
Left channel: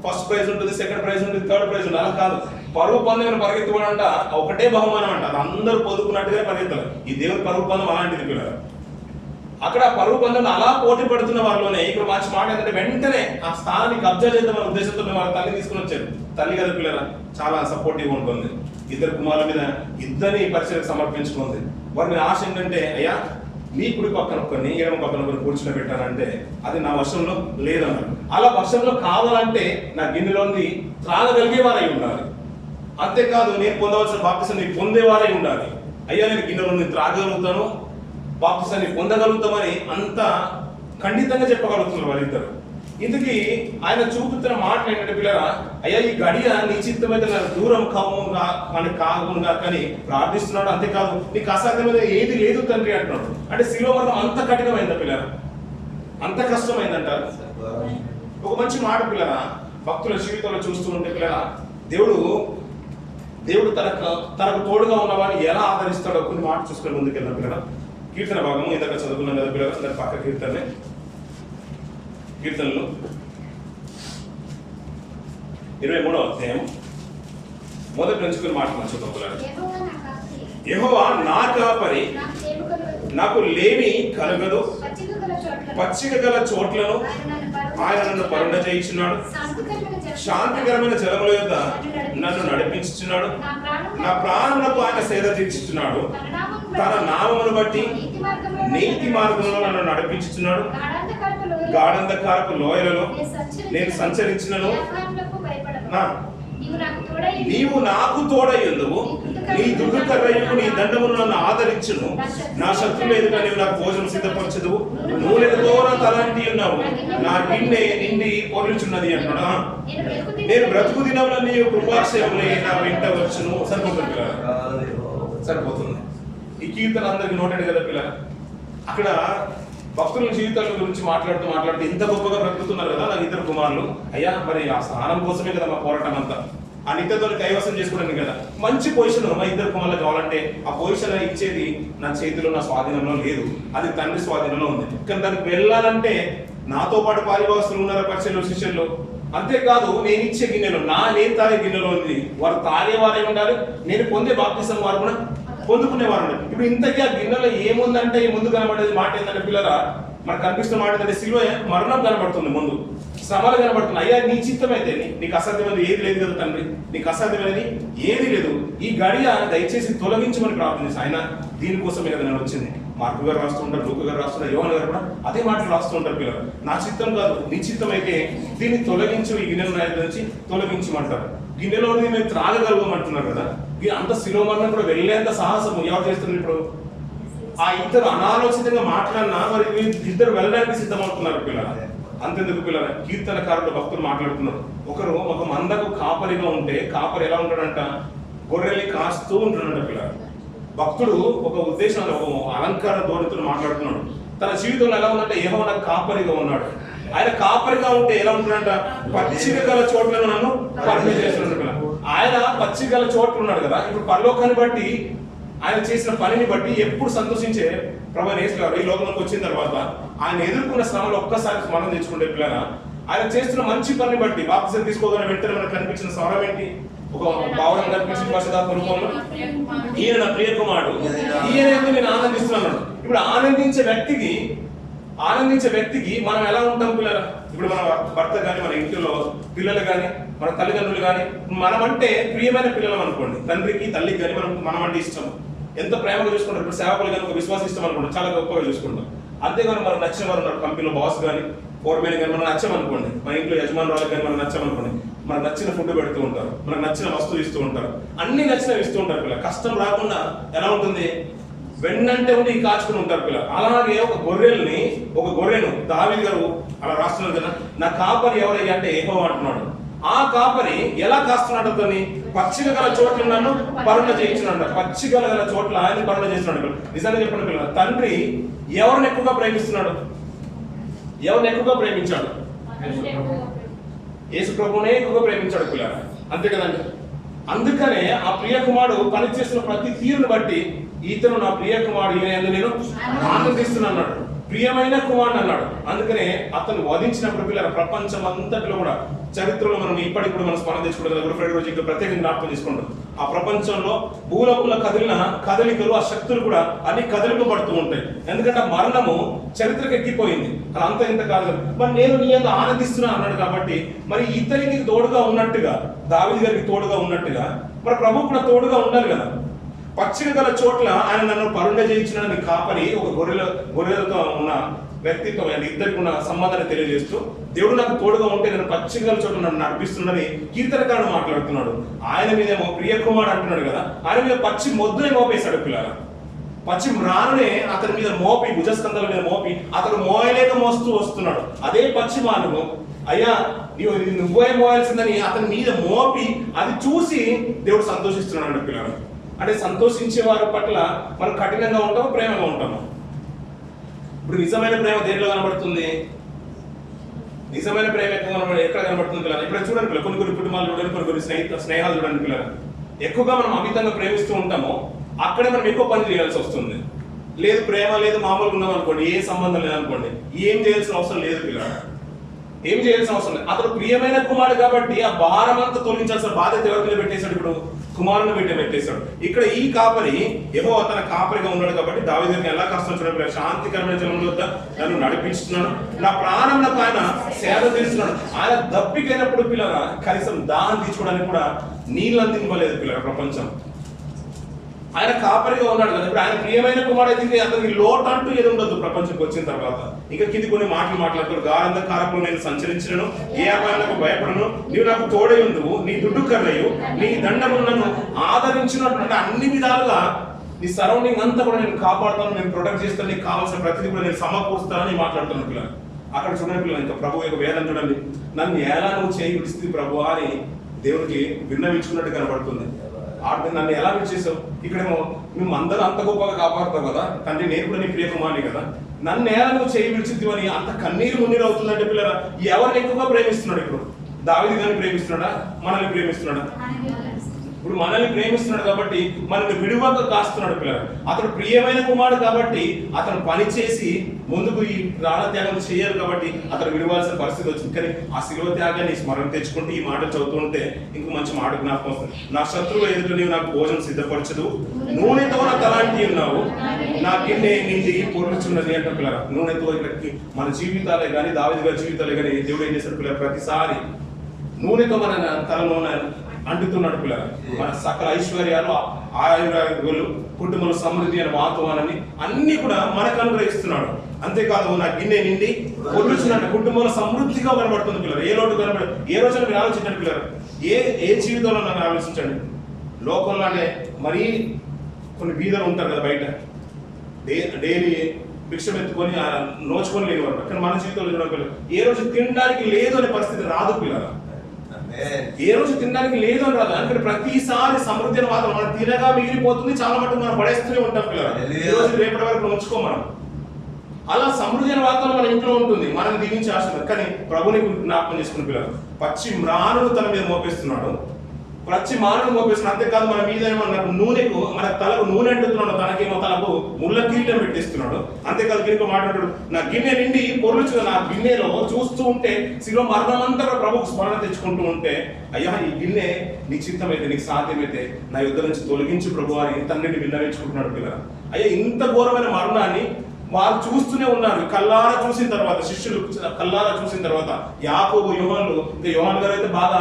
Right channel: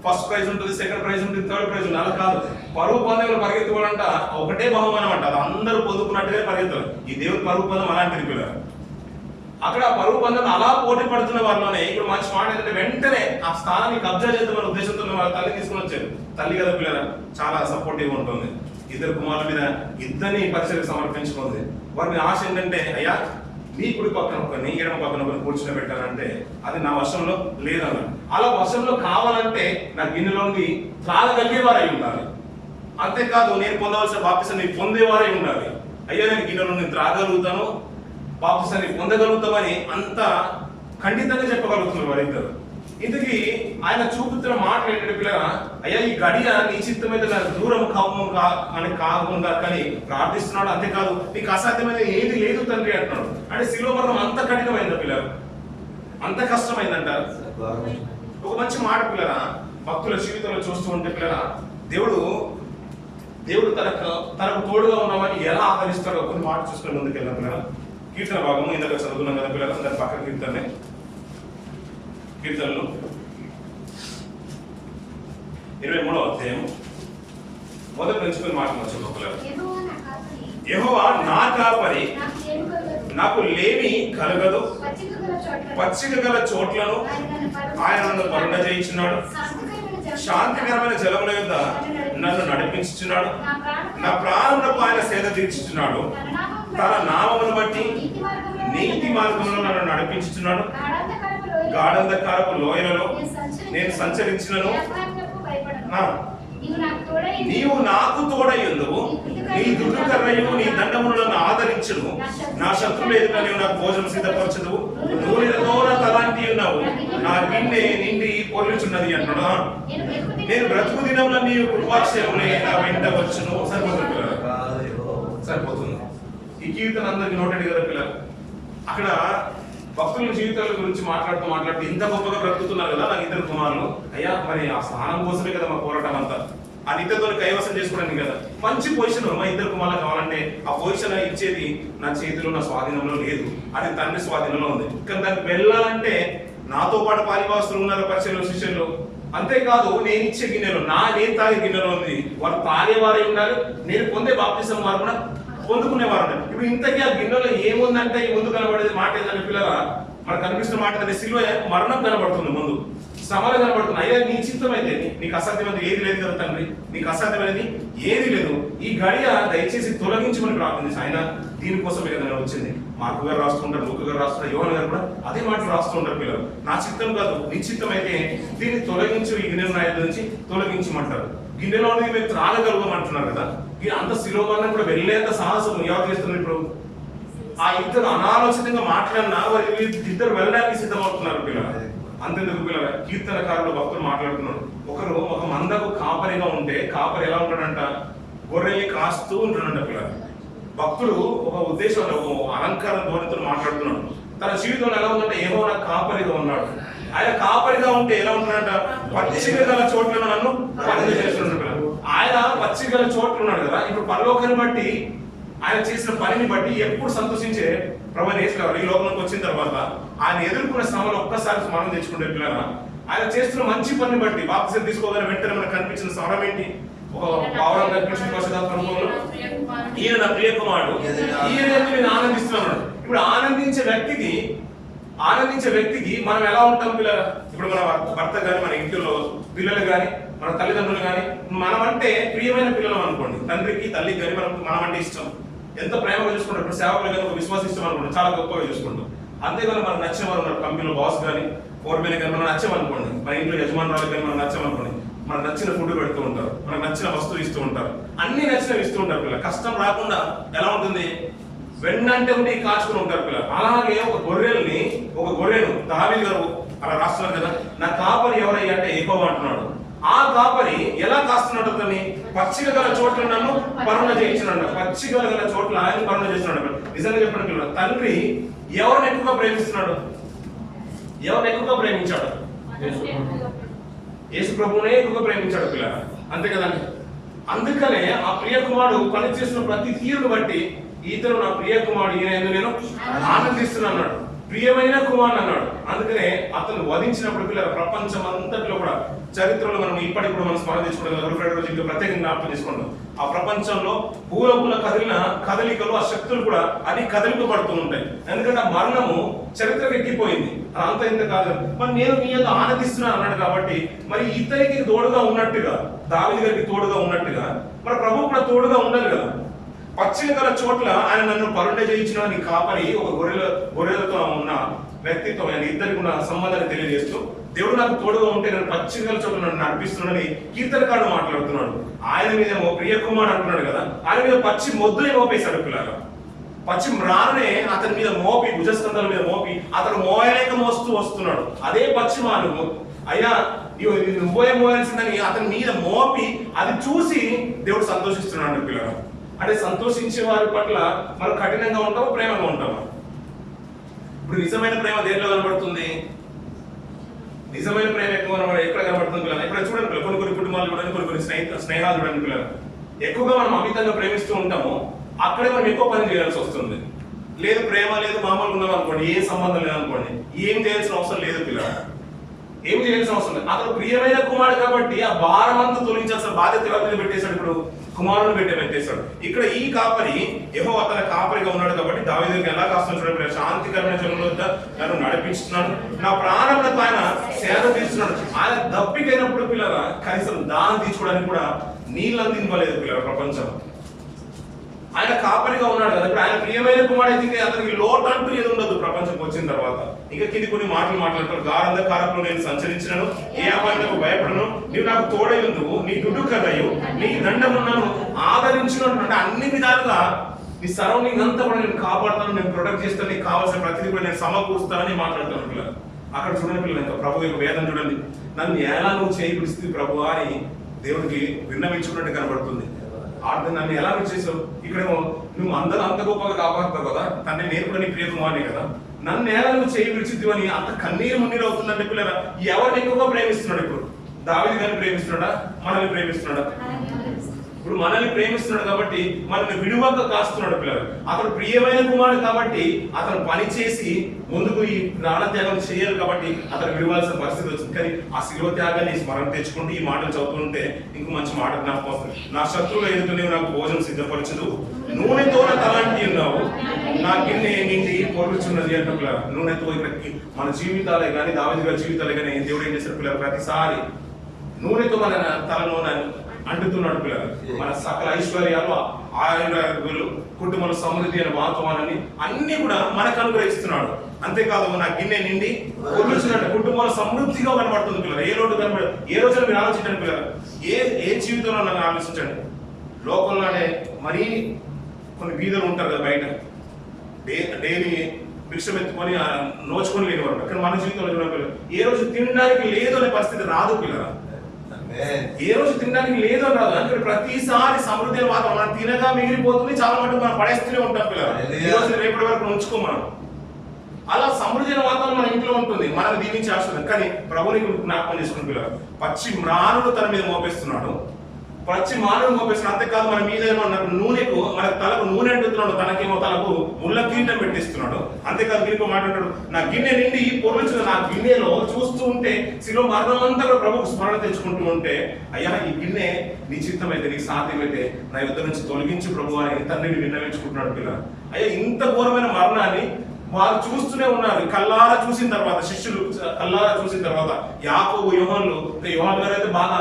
ఫస్ట్ ప్రైజ్ ఉంటుంది, సెకండ్ ప్రైజ్ ఉంటుంది, థర్డ్ ప్రైజ్ ఉంటుంది. అలా కాదు. పరుగు పందెంలో పరిగెత్తుకోవాలంట ఒకటే బహుమానం అంట, అది అందరూ పొందుకున్నట్టుగానే పరిగెత్తాలి. ఈ దేవుని పరుగు పందెం అలాంటిది పిల్లలు. అక్కడ పరుగు పందెం అలా పోటీ పడుతున్న వారిలోనే ఇప్పుడు మంచి మాట ఏంటంటే వెంటనే ఆ స్థానాన్ని కబ్జా చేద్దామనే ఉద్దేశంతో వాళ్ళ తల్లి తీసుకుని వచ్చారు. తల్లి కదా పిల్లల చాలా సపోర్టివ్ ఉంటుంది. ఇద్దరు కుమారుల మీద ఇద్దరిని పరిచయకు సమర్పించుకుంది. వారి మీద ఆశ ఏంటంటే, అయ్యా నీ కుడి పక్కన ఒకరిని ఎడమ పక్కన ఒకరిని కూర్చుని పెట్టాలంటే అది నా వశంలో లేదన్నారు. అలా వశంలో కావాలంటే నా గిన్నెలోని త్రాగగలిగేవారై ఉండాలి. అంతేకాదు నేను పొందవలసిన బాప్తిసం నీకు పొందేవారై ఉండాలి. అయ్యా నేను గిన్నెలో నేను త్రాగగలుగుతాను, బాప్తిసాన్ని పొందగలుగుతామని అంత ఖండితంగా చెప్పగలుగుతున్నారు వాళ్ళిద్దరు. ఇంతకీ ఆయన చూపుతున్న మాటలు ఏంటంటే పిల్లరా, అయ్యా ఈ గడియ నీ చిత్తమైతే దూరం కాకుండా కానీ ప్రార్థిస్తున్నాడు. అంతేకాదు నీకు అసాధ్యమైన ఏది లేదు తండ్రి అంటున్నాడు. అంటే శిలువ మరణం అంత కఠినమైందా పిల్లరా? అంత కష్టమైందంటారు. ఒక మంచి మాట పిల్లరా, భక్తుల జీవితంలో చూస్తూ ఉంటే పిల్లరా, దేవుడు తనకు తోడుగా ఉన్నవాడిని ఎలా ఆదరిస్తాడో కొన్ని మాట చూసుకుని ముందుకెళ్ళిన పిల్లరా. కీర్తన భాగము ఇందాక చదువుకున్నాం కదా పిల్లలు, అందరి పక్క కీర్తనలు 23వ అధ్యాయం మొదటి నుంచి కొన్ని మాటలు చదువుకోవాలి. యెహోవా నా కాపరి, నాకు లేమి కలగదు, పచ్చిక గల చోట్లను ఆయన నన్ను పరుండ చేయించున్నాడు, శాంతికరమైన జలముల యొద్ద నన్ను నడిపించుచున్నాడు, నా ప్రాణములకు ఆయన సేద తీర్చుచున్నాడు, తన నామమును బట్టి నీతి మార్గంలో నన్ను నడిపించుచున్నాడు, గాఢంధకారపు లోయలలో నేను సంచరించినను నీవు నాకు తోడయ్యుందువు, నీ దుర్గకర్రయు నీ దండమును నన్ను ఆదరించును, నా శత్రువుల ఎదుట నీవు నాకు భోజనం సిద్ధపరచదువు, నూనెతో నా తలాంటి ఉన్నావు, నా గిన్నె నిండి పొరుచున్నది అంటున్నాడు. నేను బ్రతుకు దినంలో నీవు కృపాక్షేమములే నా వెంట వచ్చును. సరిపోతుంది. ఈ కీర్తన అందరికి నోటెడ్ కదా పిల్లలు. అక్కడ భక్తుల జీవితాల గురించి మాట్లాడుతూ ఇంత గొప్పగా బ్రతుకుతున్నారు కదా నాకు ఇద్దరు కుమారులు. అయ్యా మరి ఆ స్థానం కోసమే కదా మా పోరాటం అంతా, ఆ నిత్యతో కైవసం చేసుకోవడానికి కదా. మంచి పొజిషన్ మా ఇద్దరు కుమారులు కావాలంటే ఆ పొజిషన్ ఇచ్చేది నా చేతిలో, నా స్వాధీనంలో లేదు, అది తండ్రి స్వాధీనంలో ఉంది. కానీ దానికి వెళ్ళాలంటే నాతో పాటు పాలిభాగస్తులు ఉన్నారు, పరిచయంలో శిష్యుల్లో. అంతేకాదు నేను ఇచ్చే గిన్నెలో నేను తాగే గిన్నెలో ఉంది, వారు తాగేవారై ఉండాలి, నేను పొందే బాప్తిసం వారు కూడా పొందుకునేవారు. ఇప్పుడు ఇంతకీ ఆ గిన్నెలో ఏముందంటే ముందు కనబడేది మాట ఏంటంటే పిల్లరా, మనకు కనిపిస్తున్న మాట అంటే సిలువ మరణం కనబడుతుంది, ముందు శ్రమలు కనబడుతుంది. అయ్యా నీ చిత్తం అయితే నీకు అసాధ్యమైనది ఏది లేదు కదా తండ్రి, నీకు అసాధ్యమైనది ఏది లేదు, ఈ గడియ దయచేసి తొలగించమని ప్రార్థించి ఆయన దీనికోసమే కదా నేను వచ్చింది. మార్కు గారు రాస్తుంటారు, లూకా గారు రాస్తుంటారు, యోహాను గారు కూడా అదే మాటలు రాస్తుంటారు. పిల్లలు నా చిత్తం కాదు నీ చిత్తం అయితే దీన్ని తొలగించు, ఈ గిన్నెల నాయకు నుంచి తొలగించమంటారు. గిన్నెలో మేము త్రాగగలుగుమంటున్నారు కదా, అంత శిరోమరణం కూడా వెళ్ళేంత సాహసం ఎవరు చేస్తున్నారు ఇప్పుడు? ఆ ఇద్దరు అనాలోచితంగా మాట్లాడినా వారికి ఇద్దరు వెళ్ళడానికి సిద్ధమవుతున్నారు పిల్లలు. అంతెందుకు పిల్లలు, కీర్తనకారులు భక్తులు మాట్లాడుతున్నారు. ఒకరు ఒక మందకు కాపరిగా ఉంటే కాపరి ఎలా ఉంటాడంట? గొర్రెల్ని కాస్తూ ఉంటాడంట పిల్లలు. భక్తుడు ఒక ఉద్దేశం, ఒక అలంకార ధోరణితో మాట్లాడుతున్నాడు. తన జీవితంలో ఎలా ఉందంటే యెహోవా నాకు కాపరిగా ఉన్నాడు. ఆయన కాపరిగా ఉంటే ఎలా ఉంటాడంట? పచ్చిక గల చోట్లను నన్ను పని చేస్తున్నాడు పిల్లలు. ఆయన పచ్చిక గల చోట్లు ఉన్నాడు కదా, ఇప్పుడు పరలోకాన్ని బట్టి ఆయన చేసిన పనిని బట్టి ఎప్పుడు సంతోషించే ప్రభువైన యేసు గారు ఈ లోకంలోకి వచ్చిన తర్వాత ఆయన ఎదుర్కొన్న శ్రమలు ఒక్కసారి స్మరణ తెచ్చుకుంటే పిల్లల, ఆయన చేస్తున్న మంచి పనిని బట్టి బాప్తిసం తీసుకోగానే వెంటనే మనకు కనిపించిన స్వరం ఏంటి? ఒక పావురం కనిపించిన పరిశుద్ధాత్మ రూపంలో ఈయన నా ప్రియ కుమారుడు, ఈయన నేను ఆనందిస్తున్నాను. ఇప్పుడు ఆనందించే వ్యక్తికి మనం ఎలా ఉంటాం పిల్లల? ఇప్పుడు మన భర్త కానీ, మన ఇంట్లో పిల్లలు కానీ, మన తల్లిదండ్రులు కానీ, మనం అంటే ప్రియమైన పిల్లలు అనుకోండి, తండ్రికి తల్లికి కానీ మనం అంటే ఇష్టం, ఎంత ప్రేమగా చూసుకుంటారు. ఇప్పుడు సేవకులు కానీ ఒక విశ్వాసం ఇష్టం అనుకుంటాం, చాలా గొప్పగా చూసుకుంటాం. అంతేగాని మనకు నచ్చిన వారు ఉన్నారు, కంపెనీలో బాస్ కానీ ఫోర్మెన్ కానీ మనం నచ్చామనుకోండి, మన ఇంట్లో యజమానురాలు కానీ మనం నచ్చామనుకోండి, మనకు నచ్చిన ఫుడ్ పెడుతూ ఉంటారు, మనకు నచ్చిన వస్తువు ఇస్తూ ఉంటారు, అన్ని నచ్చినవి ఇస్తూ ఉంటారు పిల్లలు. కష్టం రాకుండా ఎలా ఉంటుంది? వెన్నంటే ఉండి కాచుకుని ఉంటారు పిల్లలు. అలాగే ఒక గొర్రెను దావీదు గారు అలా రాస్తున్నారు కదా, నా కాపరి ఎవరయ్యా అంటే యెహోవా అంటున్నాడు. ఆ కాపరి ఎలా కాస్తున్నాడు? అతన్ని పచ్చిక గల చోట్ల నన్ను పరుణ చేయించినాడు. పచ్చిక గల చోట్ల ఆయన పరుణ చేస్తున్నాడు. నిజంగా చెప్పండి పిల్లలు, తండ్రి ఎవరిని ఎక్కువగా ప్రేమిస్తున్నాడు? ఎవరిని ఎక్కువగా ప్రేమించాడు? యేసు ప్రభువునే ఎక్కువగా ప్రేమించాడు పిల్లలు, అంతే కదండి. అందుకనే ఆ ప్రియ కుమారుడు పని చేస్తున్న ప్రతి తీరును బట్టి ఇతను నా ప్రియ కుమారుడు, ఈయన నేను ఆనందిస్తున్నాను అన్నాడు. ప్రియమైన కుమారుడు అన్నాడు. అందుకనే అతను వధించినప్పుడు పిల్లల ప్రపంచం అంతట్లో కూడా చరిత్రలో మనం ఇప్పటికి కూడా మనం స్మరణ చేసుకుంటాం. ఫ్రైడే రోజు ఇంకా ప్రత్యేకంగా జ్ఞాపకం చేసుకుంటాం. ఆ ప్రపంచంలో భూలోకంలో కదిలిన కదలికలు, ఆ శక్తులు కూడా అన్ని కదిలిపబడుతూ ఉంటాయి. ఎందుకంటే ఆ మరణము చరిత్రకు ఎక్కిపోయింది. అంత ఇంత కాదు, మరి నేను నీ అంత ఆనందిస్తున్నాను అన్నాడు. కాబట్టి మరి ఇతనికి తోడుగా ఉన్నట్టుగా, దావీదు గారికి తోడుగా ఉన్నట్టుగా మరి ప్రభు కూడా తోడుగా ఉండాలి కదా. పచ్చిక గల చోట్ల ఆయన నన్ను పరుండ చేయించిన నీ కాపరి, ఒక గొర్రెలతో ఉన్న వ్యక్తిత్వం, ఇద్దరికి ఉన్న సంబంధాన్ని తెలియజేస్తూ దేవుడు నాకు తోడుగా ఉంటే నేను పచ్చిక గల చోట్ల నన్ను నడిపిస్తున్నాడని కీర్తనకారుడు మాట్లాడుతున్నాడు. ఆయన మీదేమో ప్రియ కుమారుడు అంటున్నాడు కదా, ఆయన మీద పచ్చి మొద్దుని మోపేశాడు పిల్లలు. పచ్చి మ్రానునే అతని మీద మోపి, భుజస్కంధాల మీద మోపి అతను మోయలేక మోస్తూ వస్తున్నాడు. అదే పచ్చి మాను అయ్యా నువ్వే మోయాల్సిందని అతని మీద మోపి అది చూసి దేవుడు సంతోషిస్తున్నాడు పిల్లలు. అంటే సంతోషించే వారి పట్ల మనం కఠినంగా ఉంటామా, ప్రేమగా ఉంటామా? ఇప్పుడు నిజమైన ప్రేమ దేంట్లో కనబడుతుంది? నిజమైన ప్రేమ ఎక్కడ కనబడుతుంది పిల్లలు? ఇప్పుడు చూడండి పిల్లలు, కొన్ని కుటుంబాలు చూడండి, కొన్ని స్నేహాలు చూడండి పిల్లలు. ఎక్కువగా మనం అమితంగా ప్రేమిస్తూ ఉంటామో అక్కడే మనం ఎక్కువ పని చేయాల్సి వస్తుంది. లేదు ప్రేమ లేదు, మామూలుగా ఉన్నాం అనుకోండి, ఏ సంబంధం లేదనుకోండి, ఏం చేయాల్సిన అవసరం లేదు పిల్లలు, ఏం చేయాల్సిన అవసరం లేదు. అతను ప్రియమైన కుమారుడు కాబట్టి ఆ భారం అంతా తొలగించాల్సిన బాధ్యత ఎవరి మీద పెట్టేశాడు? ఇప్పుడు కుమారుని పెట్టేశాడు. ఇక్కడ ఈ కాపరి యెహోవా తన కాపరిగా ఉన్నాడు కాబట్టి దావీదుకి ఎలా కాస్తాను చూడండి, శాంతికరమైన జనంలో నన్ను నడిపిస్తున్నాడు, నా ప్రాణంలో ఆయన సేద తీస్తున్నాడు. ఆయన దప్పికైనప్పుడు పిల్లల కనీసం దాహం తీర్చుకోవడానికి కూడా నీళ్ళు అందింపలేదు పిల్లల ప్రపంచం. ఆయన కాపరిగా ఉన్నాడు కదా. ఇప్పుడు ఆయన ప్రియమైన కుమారుడు అయితే అతనికి లోటు అంటూ ఏది ఉండదు ప్రపంచంకి వచ్చిన తర్వాత. ఇంకా కింది కొన్ని మాటలు మాట్లాడుతారు. గారంధకారపులో నేను సంచరించినను, ఏ అపాయాలకు భయపడను, నీవు నాకు తోడై ఉందువు, నీ దుడ్డు కర్రయు నీ దండము నన్ను ఆదరించినట్టు. అంటే అన్ని విధాలుగా నీ సరౌండింగ్ అంతా కూడా నేను కాపాడుతాను, నేను ప్రొటెక్ట్ చేస్తాను, నీకు కావాల్సిన ప్రతిదీ కూడా నేను సమకూరుస్తానని మాట్లాడుతాను పిల్లలు. అక్కడ చూడండి పిల్లలు, ఇంకా ప్రభు యొక్క వేదన చూడండి, నన్ను ఎలా నువ్వు చేయి విడిస్తే ప్రభు అని దేవుడికి విన్నవించుకున్నట్టు కనబడుతుంది. నన్ను ఎలా విడిచేసావు? ఇక్కడేమో నువ్వు అందరూ అంత గొప్పగా కాపాడుతావు కదా తండ్రి, నేను కూడా నీ ప్రియ కుమారుని కదా, నన్ను ఎలా నువ్వు చేయి విడిచిద్దు అని అంత కన్నీరు మున్నీరు అవుతుందంటే పిల్లరా, ఎవరిని ఎక్కువగా ప్రేమిస్తున్నాడు? ఇప్పుడు దావీదు గారిని ప్రేమిస్తున్నాడా, మనల్ని ప్రేమిస్తున్నాడా? ఇప్పుడు మనల్ని ప్రేమిస్తున్నాడు కాబట్టి మనల్ని విడువక కాస్తున్నాడు పిల్లలు. అతను ప్రియమైన కుమారుడు కాబట్టి అతను పని చేసి ముందుకు ఈ ప్రాణత్యాగం చేయాలి కాబట్టి అతను విడవాల్సిన పరిస్థితి వచ్చింది. కానీ ఆ శిలువ త్యాగాన్ని స్మరణ తెచ్చుకుంటూ ఈ మాటలు చదువుతుంటే ఇంకో మంచి మాట జ్ఞాపకం వస్తుంది. నా శత్రువుల ఎదుట నీవు నాకు భోజనం సిద్ధపరచదు, నూనెతో నా తలాంటి ఉన్నావు, నా గిన్నె నిండి పొర్లుచున్నది అంటే పిల్లల నూనెతో ఇక్కడికి మన జీవితాలే కానీ దావీదు గారి జీవితాలే కానీ దేవుడు ఏం చేశారు పిల్లలు ప్రతిసారి నూనెతో మన తలను అంటుతున్నాడు పిల్లలు. మన సకల ఐశ్వర్యాలు ఆయుర్వేలు కుటుంబంలో సమృద్ధి అని వాతావరణాన్ని అన్ని కూడా మనకు అనుగ్రహిస్తున్నాడు. అంతేకాదు నా గిన్నె నిండి పొర్లుచున్నట్టు కుటుంబంలో సమృద్ధిగా కనబడుతుంది పిల్లలు. ఏ లోటు కనబడ ఏ రోజున మీరు ఆలోచించండి పిల్లలు. ఏ జీవితంలో నన్ను ఆలోచించండి. లోకంలోనే మరీ కొన్ని బీదలు ఉంటారు కదా బయట డైలీ భిక్షం ఎత్తుకొని నోచుకొని లేనివారు. కానీ మన జీవితంలో చూడ ఏ రోజు తినడానికి లేదు అనే పరిస్థితి రాదు పిల్లల. ఏ రోజు తినడానికి లేదు అని రాదు. అందుకని ప్రతిసారి సమృద్ధి వాతావరణం మనం తినగా మిగిలిపోతుంది. చాలా మటుకు మనం పడేస్తూనే ఉంటాం పిల్లలు. ఈ రోజు రేపటి వరకు ఉంచుకో మనం. అలా సమృద్ధి వాతావరణం మన ఇంట్లో ఉంటుంది. మనం దీవించే అవసరం. కానీ ప్రభుని జ్ఞాపకం చేసుకుని పిల్లలు పచ్చి మ్రానును తన మీద మోపిస్తున్నాడు. పచ్చి మానవుడు మోపిస్తున్నాడు. అంతేకాదు మన మీద ఏమో నూనెకు మన తలకు నూనె అంటున్నాడు. తనకేమో తలకు ముళ్ళ కిరీటం పెట్టిస్తున్నాడు. అంతేకాదు గిన్నెకు మాట్లాడాడు నా గిన్నె నిండి పొర్లుచున్న నా గిన్నెలో చూస్తూ ఉంటే శిలో మరణమంతా ప్రభుకు స్మరణ తెచ్చుకుంటూ ఉంటే అయ్యా ఈ గిన్నె నీ చిత్తమైతే నీకు సాధ్యమైతే నా యుద్ధ నుంచి తొలగించు ప్రభు అని తండ్రిని విన్నవించుకుంటున్నాడు పిల్ల. అయ్యా ఇంత ఘోరమైన మరణాన్ని వాళ్ళు చూస్తూనే ఉన్నారు. కల్లారా చూసిన తర్వాత శిష్యులు కల్లారా చూసిన తర్వాత యాకోబు యోహానులు ఇంకా యోహాను గారు అయితే బాగా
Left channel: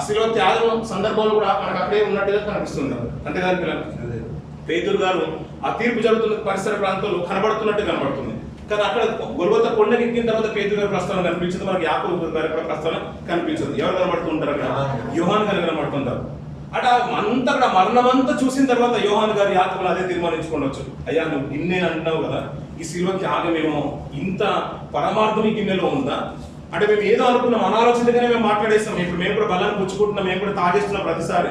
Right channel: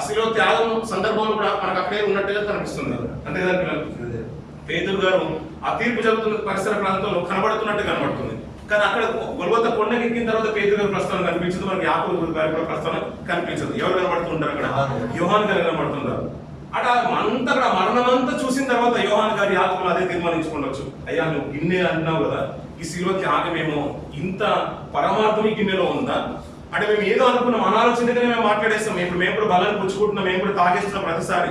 అసలు త్యాగం సందర్భంలో కూడా మనకు అక్కడే ఉన్నట్టుగా కనిపిస్తుంది. అంతేకాదు పిల్లలు పేతురు గారు ఆ తీర్పు జరుగుతున్న పరిసర ప్రాంతంలో కనబడుతున్నట్టు కనబడుతుంది. కానీ అక్కడ గొల్గొతా కొండకి ఎక్కిన తర్వాత పేతురు గారి ప్రస్తావన కనిపించదు. మనకి యాకోబు గారి ప్రస్తావన కనిపించదు. ఎవరు కనబడుతుంటారు అక్కడ? యోహాను గారు కనబడుతుంటారు. అట అంతా అక్కడ మరణమంతా చూసిన తర్వాత యోహాను గారు యాకోబులు అదే తీర్మానించుకోవచ్చు. అయ్యా నువ్వు గిన్నె అంటున్నావు కదా, ఈ శిలువ త్యాగమేమో ఇంత పరమార్థం ఈ గిన్నెలో ఉందా అంటే మేము ఏదో అనుకున్నాం అనాలోచితగానే మేము మాట్లాడేస్తాం. ఇప్పుడు మేము కూడా బలాన్ని పుచ్చుకుంటున్నాం, మేము కూడా తాగేస్తున్నాం, ప్రతిసారి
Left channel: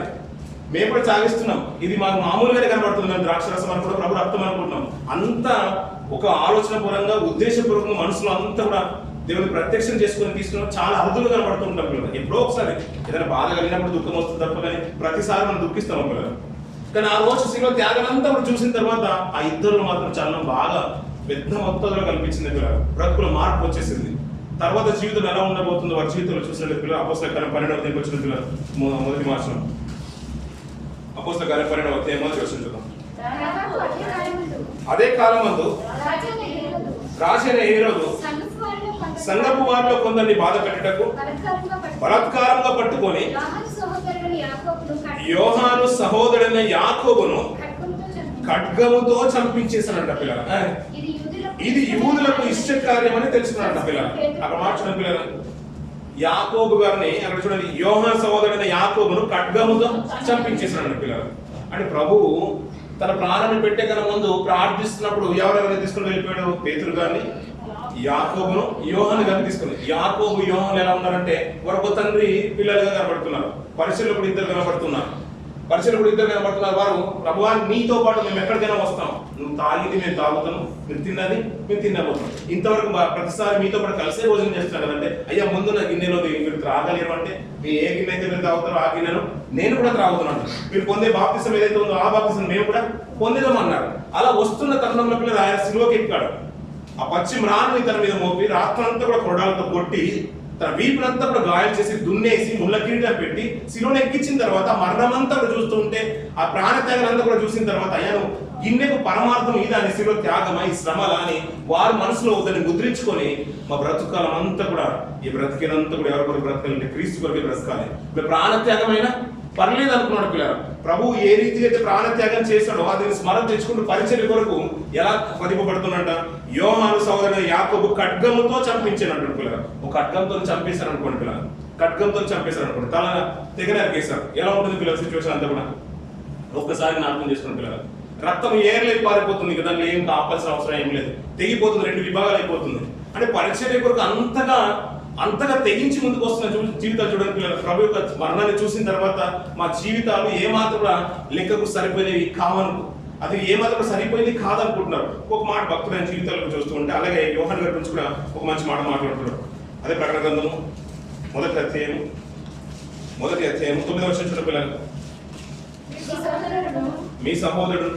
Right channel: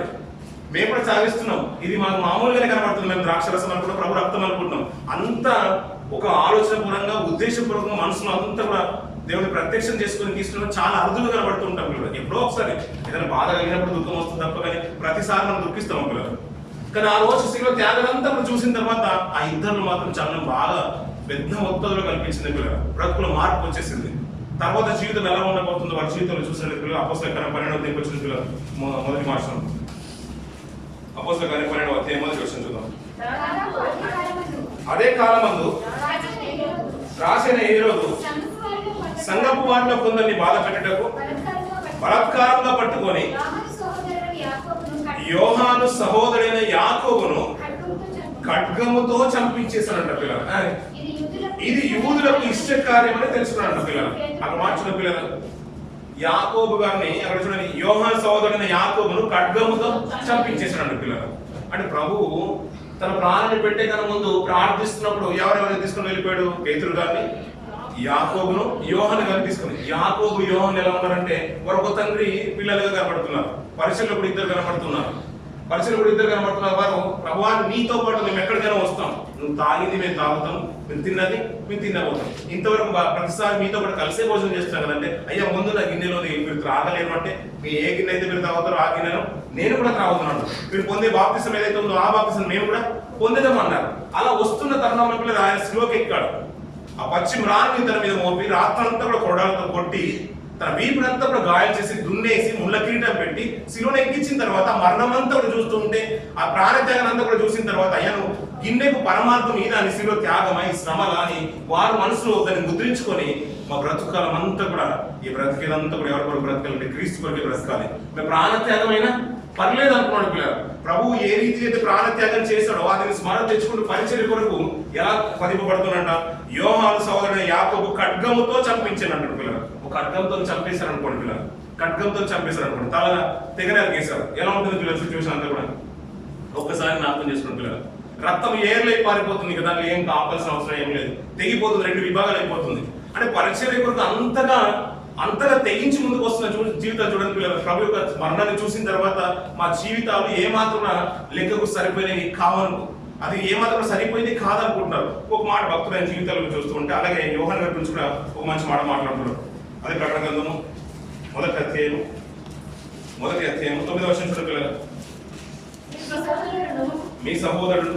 మేము కూడా తాగేస్తున్నాం. ఇది మాకు మామూలుగానే కనబడుతుంది. మేము ద్రాక్షరసం అనుకుంటాం, ప్రభు రక్తం అనుకుంటున్నాం. అంతా ఒక ఆలోచన పూర్వంగా ఉద్దేశపూర్వకంగా మనసులో అంతా కూడా దేవుని ప్రత్యక్షం చేసుకుని తీసుకున్న చాలా అరుదులు కనబడుతుంటాం పిల్లలు. ఎప్పుడో ఒకసారి ఏదైనా బాధ కలిగినప్పుడు దుఃఖం వస్తుంది తప్ప కానీ ప్రతిసారి మనం దుఃఖిస్తాం పిల్లలు. కానీ ఆ రోజు శిలువ త్యాగనంతా కూడా చూసిన తర్వాత ఆ ఇద్దరు మాత్రం చలనం బాగా పెద్ద మొత్తంలో కల్పించింది పిల్లలు. బ్రతుకుల మార్పు వచ్చేసింది. తర్వాత జీవితం ఎలా ఉండబోతుందో వారి జీవితంలో చూసిన పిల్లలు అపోస్తల కార్యం 12వ అధ్యాయం వచ్చిన పిల్లలు మొదటి మార్చడం అపోస్తల కార్యం 12వ అధ్యాయం మొదటి వచనం చూద్దాం. అదే కాలమందు రాసిన హేరోదు సంఘపు వారిలో కొందరిని బాధ పెట్టటకు బలాత్కారంగా పట్టుకొని యోహాను సహోదరుడైన యాకోబును ఖడ్గముతో చంపించేసానంట పిల్లలు. ఇది యూదులకు ఇష్ట కార్యం అని తెలుసుకున్నాడంట పిల్లలు. అక్కడ మార్చిన పిల్లలు యాకోబు గారిని అక్కడ చూడండి యోహాను సహోదరుడైన యాకోబును ఖడ్గముతో చంపించేసాడంట పిల్లలు. అంటే ప్రభువు తన ప్రాణాన్ని పెట్టే కన్నా ముందు ప్రార్థిస్తున్నప్పుడు ఎవరెవరిని తీసుకుని వెళ్ళిపోయాడు? పేతురు గారిని, యాకోబును, యోహాను గారిని తీసుకుని. యాకోబు యోహాను ఎలా ఉన్నారంటే ఒక తండ్రి పిల్లలుగా కనబడుతున్నారు. పరిచయలో కూడా ఇద్దరు కనబడుతున్నారు. వారు ప్రభువా నీతో పాటు మేము ఎక్కడికైనా వస్తాం, నువ్వు తాగింది మేము తాగుతాం, మీరు తిన్నది మేము తినబోతాం, ఇంతవరకు ప్రతిసారి మీతో పాటు కలిసే భోజనం చేస్తున్నాం కదంటే అయ్యా ముందు నా గిన్నెలో మీరు త్రాగలేరు అంటే మీ ఏ గిన్నె అయితే మీరు తాగుతారో ఆ గిన్నెను నేను కూడా త్రాగుతున్నాను. మీరు పొందే బాప్తిసం ఏదైతే ఉందో ఆ బాప్తిసం మేము కూడా పొందేదామన్నారు. అలా వస్తున్న తరుణంలో పిల్లలు ఆయన శిలువకి ఎక్కాడు. ఆ పచ్చి మ్రాన్ని తన మీద మోపి రాత్రంతా కూడా కొరడాలతో కొట్టి తన వీపునంతా కూడా గాయాలు చేసి దున్నేసి ముళ్ళ కిరీటం పెట్టి శిలువను ఎక్కించిన తర్వాత మరణమంతా కూడా చూస్తూ ఉంటే ఆ ప్రాణ త్యాగాలంతా కూడా చూసిన తర్వాత అయ్యా నువ్వు గిన్నెకు పరమార్థం ఈ దాని శిలువ త్యాగమా ఈ శ్రమలా అని వారు మనసులో దాన్ని ముద్రించుకొని మా బ్రతుకాలం అంతా కూడా ఈ బ్రతికేదంతా కూడా ఎవరి కొరకు బ్రతకాలంటే క్రీస్తు కొరకే బ్రతకాలి. ప్రాణ త్యాగమైనా పర్లేదు అనుకున్నాడు పిల్లలు. ప్రభువు ఏ రీతి అయితే ప్రాణత్యాగం చేశాడో అతని స్మరణ తెచ్చుకుంటూ పరిచర్య కొరకు ఎలా పదింపబడుతున్నట యోహాను సహోదరుడైన యాకోబు ఖడ్గముతో చంపించాను అంటాడు పిల్లలు. ఒక ఖడ్గంతో చంపేశారు అనుకోండి పిల్లలు, ఖడ్గంతో చంపేశారు అనుకోండి, తల తెగనరికేశారు. ఎలా ఉంటుంది పిల్లల సిచ్యువేషన్ అంతా కూడా ఒక్కసారి జ్ఞాపకం చేసుకున్న పిల్లలు. రక్తం ఏర్లై పారిపోతుంది కదా, దాన్ని ఏం కాపాల్సిన అవసరం ఏం లేదు, తెగిపోతుంది, 2 విభాగాలు అయిపోతుంది. అంటే పరిచర్య కొరకు అంతగా తెగించి ముందుకు వస్తున్న జీవితాలు చూడండి పిల్లలు. ప్రభు యొక్క మరణాన్ని చూసిన తర్వాత మా జీవితాలు ఏమాత్రం లెక్కకు సరిపోయినవి కావను, అది ఏమాత్రం సరిపోయింది కాదనుకుంటున్నారు. ఒక మాట భక్తులైన జీవితాలను చూస్తూ ఉంటే అలాగే యోహాను గారి గురించి కూడా ఒక మంచి మాట మాట్లాడుతున్నారు. అదే ప్రకటన గ్రంథము మొదటి అధ్యాయం 9వ వచనం చూడండి పిల్లలు. మీ సహోదరుడు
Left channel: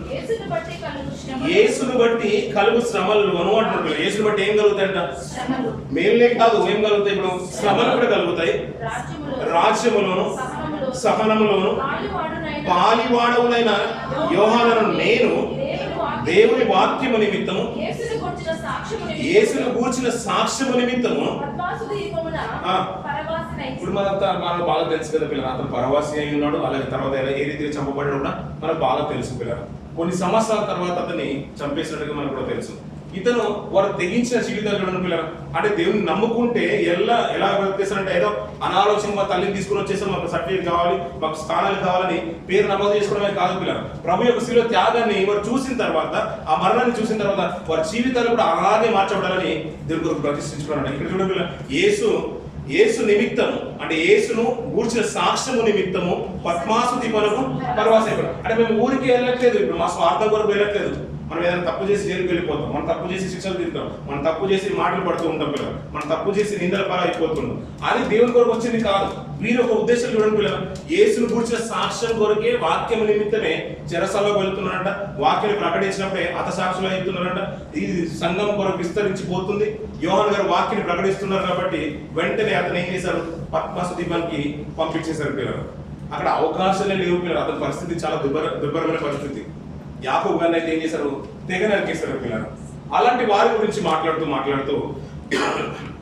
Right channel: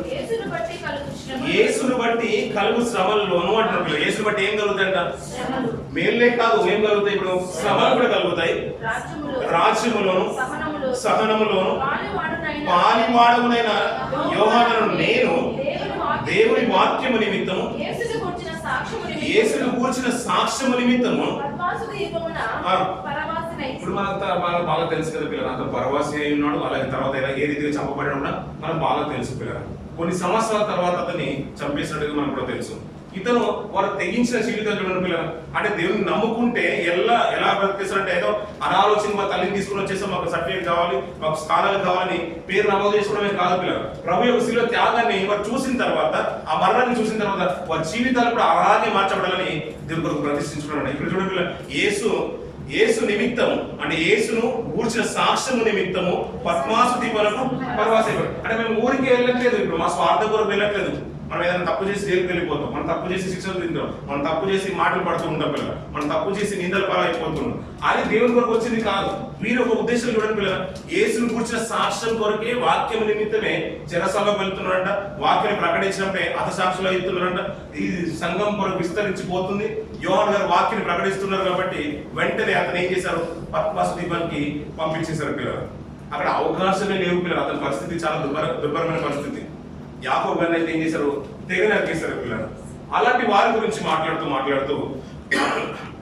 యేసును బట్టి కలుగు శ్రమలను అంటున్నారు. యేసును బట్టి ఏం కలుగుతాయంట? మేలే కాదు, ఏం కలుగుతాయి? ఇప్పుడు శ్రమలు కూడా కలుగుతాయి. రాజ్యములోను సహనములోను పాలివాడవునైన యోహానును నేను దేవుని వాక్యము నిమిత్తము, యేసును గూర్చిన సాక్ష్యము నిమిత్తము. ఇప్పుడు మనకు బాగా తెలుసు కదా పిల్లలు, అతను పరవాసి అయి ఉన్నాడు, అలాగే తర్వాత ఏ రీతిగా చంపబడ్డాడు కూడా మనకు బాగా తెలుసు పిల్లలు. కొన్ని సంవత్సరాల తర్వాత అతన్ని చంపేసినట్టుగా మనకు కూడా తెలుసు. ఇతను వారు తెగించిన జీవితాలు చూడండి పిల్లలు. అంటే దేవుని నమ్ముకుంటే ఎలా బ్రతికేస్తారంటే, ఏదో అనాలోచన మా తల్లిని తీసుకుని వచ్చేస్తాం, మాకు సర్టిఫికేట్ కావాలి, మాకు స్థానాలు కావాలని పేరు నమోదు చేసుకోవడమే కాదు పిల్లలు. ప్రభు యొక్క శిలువ త్యాగాన్ని వారు చూసిన తర్వాత, ఆ మరణాన్ని చూసిన తర్వాత వారి జీవితాలు కూడా అలాగే మార్చబడాలని దేవుని కొరకు ప్రతిష్ఠించుకున్నాడు. ఇక్కడ చూడండి పిల్లలు, యేసు నిమిత్తము, అంటే యేసును గూర్చిన సాక్ష్యము నిమిత్తము పద్మాసు దీపమునకు పరవాసి అయిపోయాడు. అంటే మేము ఊరికి వెళ్ళట్లేదు, ఇప్పుడు మా స్వార్థం కొరకు వెళ్ళట్లేదు. మనం ఏదైనా తప్పు చేసి జైలుకి వెళ్ళిపోతాం, మనం తప్పు చేసి శిక్షలు తింటాం, మనం తప్పు చేసి మాటలు పడుతూ ఉంటాం పిల్లలు, మనం తప్పు చేసి నిందల పాలైపోతున్నాం. అది దేవుని కొరకు వచ్చింది కాదు. వీరు ఒక ఉద్దేశం చూడండి పిల్లలు, యేసును గూర్చిన సాక్ష్యం కొరకే వాక్యం నిమిత్తమే చెరసాలకు వెళ్తున్నారంట. వాక్యాన్ని ప్రకటించినప్పుడే హతసాక్షులు అవుతున్నారంట. ఈ సంఘం కొరకు విస్తరించిపోతుంది. యోహాను గారు వాక్యాన్ని ప్రకటిస్తున్నారు కాబట్టి వెంటనే అతను ఏం చేశారు, పద్మాసు దీపానికి పంపించేశారు పిల్లలు. అక్కడ అవకాశాలే లేవు పిల్లలు. అతని పరిస్థితి చాలా దుర్భరమైన పరిస్థితి. యాకోబు గారిని అయితే ఏం చేశారు, తెగ నరికేశారు పిల్లలు. అలాంటి వారి గురించి మాట్లాడుతూ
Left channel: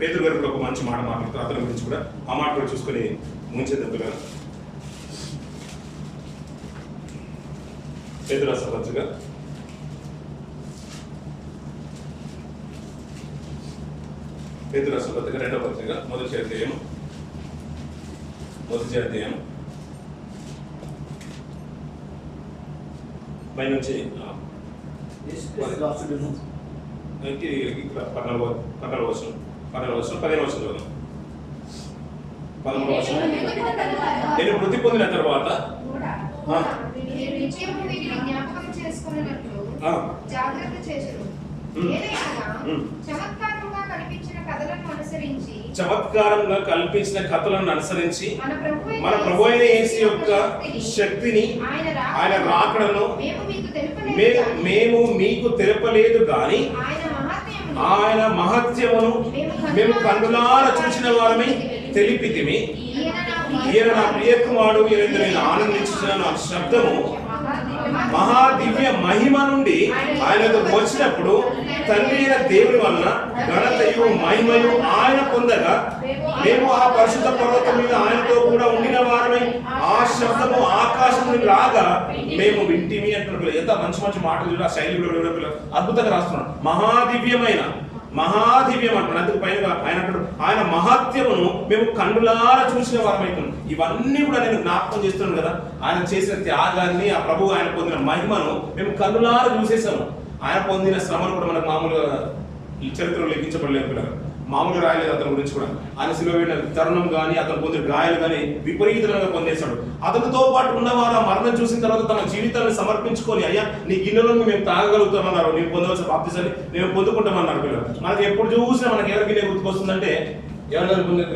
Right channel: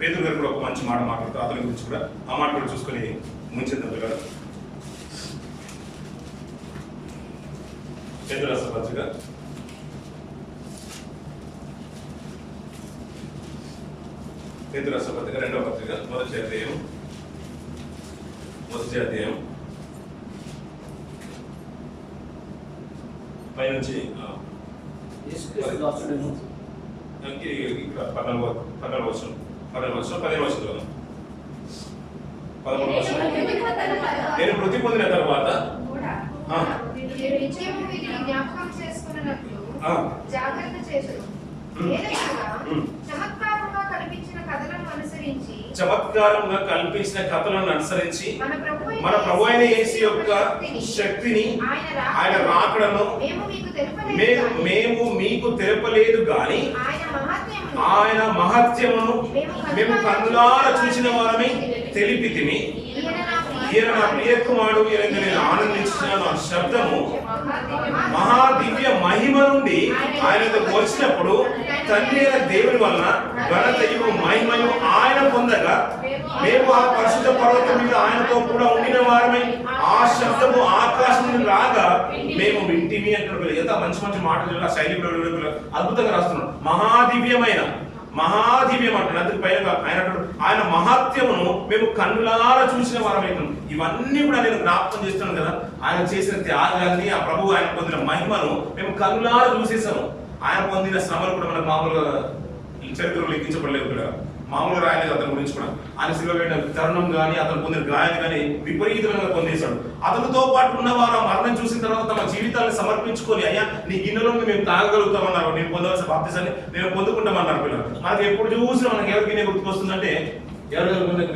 పేతురు గారు కూడా ఒక మంచి మాట మాట్లాడుతూ అతని గురించి కూడా ఆ మాట కూడా చూసుకొని ముంచేద్దాం పిల్లలు. పేతురు రాసిన పత్రిక రెండవ పత్రిక మొదటి అధ్యాయం పైనుంచి 15 నేను మృతి పొందిన తర్వాత జాగ్రత్త చేసును. చమత్కారంగా కల్పించిన కథలను అనుసరించి మన ప్రభు అయిన యేసు యొక్క శక్తిని, ఆయన రాకడను మేము మీకు తెలుపలేదు గాని ఆయన మహత్యమును మేము కన్నులారా చూసిన వారమై తెలిపితిమి. ఈయన నా ప్రియ కుమారుడు, ఈయన నేను ఆనందించున్నాను. ఆ శబ్దము మహాదివ్య మహిమ నుండి ఆయనకు వచ్చినప్పుడు తండ్రి అయిన దేవుని వలన ఘనతయు మహిమయు ఆయన పొందగా మేము ఆ పరిశుద్ధ పర్వతం మీద ఆయనతో కూడా ఉండిన వారమై ఆ శబ్దము ఆకాశం నుండి లాగా మేము వింటిమి అంటున్నారు. ఎంత మంచి మాటలు, ఆ శైలి కూడా అద్భుతంగా రాస్తున్నాడు. మహాదివ్యం అంటున్నాడు. అందుకు పైన ఆయన మహత్యమును మేము కన్నులారా చూసిన వారమైతున్నాం. ఇవన్నీ కూడా నేను జ్ఞాపకం చేస్తున్నాను కదా. ఆయన చేసిన త్యాగాన్ని, ఆ ప్రభువు ఆయన పొందిన మహిమను మేము కన్నులారా చూసేసాము. ఆయన పొందిన శ్రమలు కూడా మనకు మామూలుగా ఈ చరిత్రలో లెక్కించబడలేదు కూడా, మామూలుగా రాయలేదు. అతని గురించి కూడా ఆయన శిలువ వేడిన తరుణం కానీ, అతను పొందిన గాయాలు కానీ విపరీతంగా పొందేశాడు. అతనితో పాటు ఉన్నవారు ఆ మరణం చూసిన తర్వాత తమ జీవితాలను సమర్పించుకొని, అయ్యా నీ గిన్నెలో మేము తాగగలుగుతామన్నారు, నేను పొందవలసిన బాప్తిసాన్ని నేను పొందుకుంటామన్నారు పిల్లలు. మనకి ఎప్పుడు చూసినా మనకి ఎవరి గిన్నె గుర్తుకొస్తుందంటే, ఎవరి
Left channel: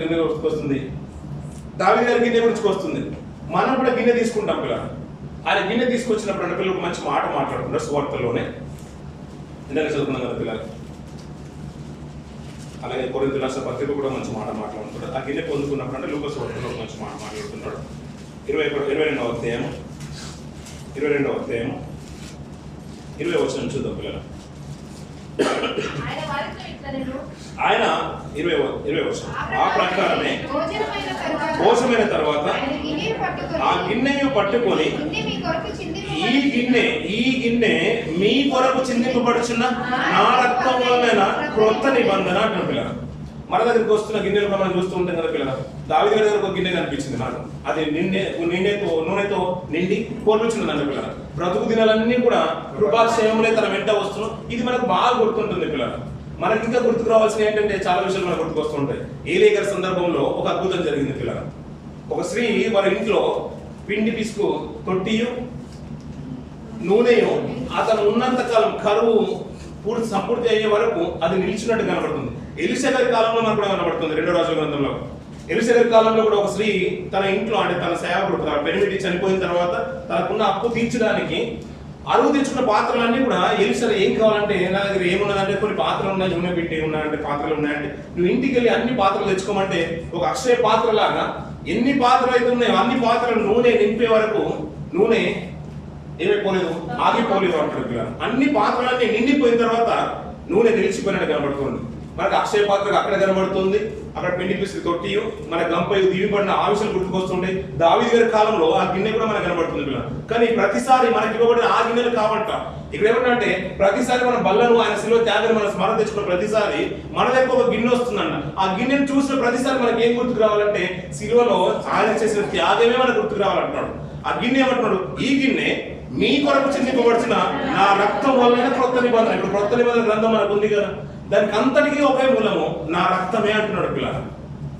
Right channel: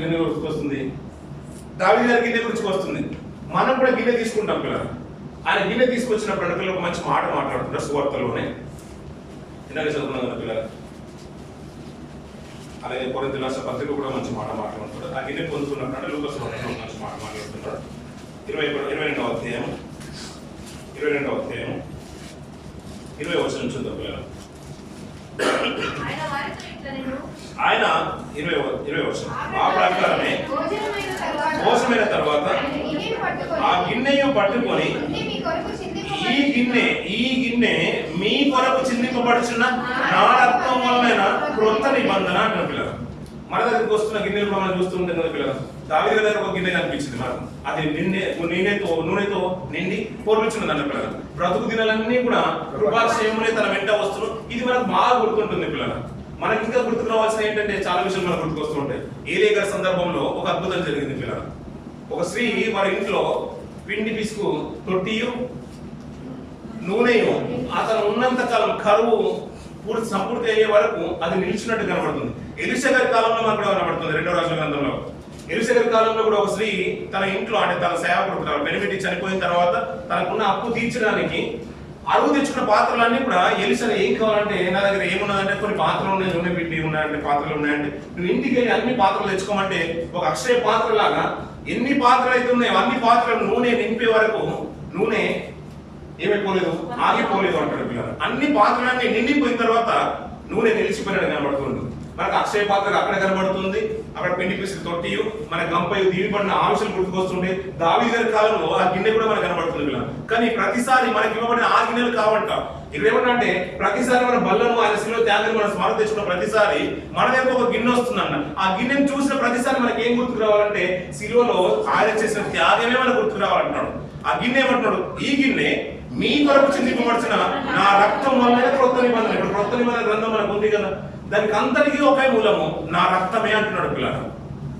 గిన్నె గుర్తుకొస్తుంది? దావీదు గారి గిన్నె గుర్తుకొస్తుంది. మనం కూడా గిన్నె తీసుకుంటాం పిల్లలు. ఆయన గిన్నె తీసుకొచ్చినప్పుడు పిల్లలు ఒక మంచి మాట మాట్లాడుతుంటారు సువార్తలోనే, ఇందాక చదువుకున్నాం కదా పిల్లలు. అలాగే కొరింథీ రాసిన పత్రిక కూడా మంచి మాట మాట్లాడుతున్నాడు. ఆ గిన్నె పొందుకున్నప్పుడు అంటే లూకా సువార్తలో మంచి మాట మాట్లాడుతున్నాడు. 22వ అధ్యాయం 20 వచనం చూద్దాం పిల్లలు. ఆయన 20 వచనం ఆ ప్రకారమే భోజనమైన తర్వాత ఆ గిన్నెను పట్టుకొని ఈ గిన్నె మీ కొరకు చిందింపబడుచున్న నా రక్తం వలన క్రొత్త నిబంధన అంటున్న పిల్లలు. మన దగ్గరికి వస్తున్న గిన్నెలు మనం చూస్తూ ఉంటాం కదా పిల్లలు. దావీదు గారి దగ్గర ఒక గిన్నె కనిపించింది నాకు. అది నూనెతో నిండి పొర్లుచున్నది అన్న పిల్లలు. బ్రతుకు దినాలన్నీ కూడా కృపాక్షేమములే తన వెంట వస్తున్నాం. ఇది మనకు బాగా గుర్తుంటుంది పిల్లలు. మనకి ఇంకా గుర్తుకు రావాల్సిన ఏంటంటే చాలా విషయాలు మనకు గుర్తుకు వస్తుంటాయి. ఏలియా గారి సందర్భంలో ఒక అద్భుతం జరిగింది పిల్లలు. ఒక స్త్రీ వారి ఇంట్లో పిండి పిసుకు తొట్టియు నూనెయు అతను ఉన్నంత కాలం కరువు సంపూర్తి అయ్యే వరకు అది నిలిచినట్టు కనబడుతుంది. ఎలీషా గారి కాలంలో మనకు కూడా కనబడుతుంది. 2వ రాజుల గ్రంథంలో ఎలీషా గారి కాలంలో కూడా ఒక స్త్రీ తన ఇంట్లో, అంటే తన సేవకుడు పెనిమిటి చనిపోయిన తర్వాత తనకున్న అప్పు తీర్చడానికి అరువు తెచ్చుకున్న పాత్రలన్నీ కూడా ఎలీషా ఏం కావాలంటే, నా దగ్గర ఏమున్నదంటే కొన్ని పాత్రలు ఉన్నాయి, నూనె పెట్టి ఉన్నాయంటే పాత్రలు ఉన్నాయంటే నువ్వు ఇంటికి వెళ్ళి అన్ని పాత్రలు తెచ్చుకోమంటే ఒక అక్షయ పాత్ర లాగా ఎన్ని పాత్రలు అయితే ఉన్నాయో అన్ని పాత్రలు నూనె నింపే వరకు నూనె ఏమైపోలేదు, ఆగిపోలేదు అంటాడు పిల్లలు. అన్ని పాత్రలన్నీ నిండిపోయిన తర్వాత నూనె నిలిచిపోయినట్టు కనబడుతుంది. మనకు అక్షయ పాత్రకు అక్కడ కనబడుతుంది, అక్కడ పెండి పీసులు తొట్టియు మన గంపయు దీవిపడిన ఆవిషలు గుర్తుకొస్తుంటే దావీదు గారి కాలంలో ఆ గిన్నె కూడా మనకు కనబడుతుంది పిల్లలు. కానీ ప్రతిసారి మనకి ఇవ్వబడిన ఆ గిన్నెలు కావంట. ఇక్కడ ఏమంటే ప్రతిసారి మన బల్లను ఆయన శిలువ త్యాగాన్ని మనం స్మరణ తెచ్చుకున్న ప్రతిసారి మన దగ్గర ఒక గిన్నె వస్తుందన్న. ఆ గిన్నెను చూసిన ప్రతిసారి మనకి ఏం గుర్తుకు రావాలంటే శిలువలో ఆయన చేసిన త్యాగమే మనకు గుర్తుకు రావాలంటున్నాడు. ఆ గిన్నె ఏమంటున్నాడు, ఈ గిన్నె మీ కొరకు చిందింపబడిన నా రక్తం వల్ల క్రొత్త నిబంధన. ఇప్పుడు క్రొత్త నిబంధన గ్రంథం మనకు ఉంది కదా, దానికి అంతటికీ ఒకే మూలము నా రక్తమే అంటున్నాడు పిల్లలు.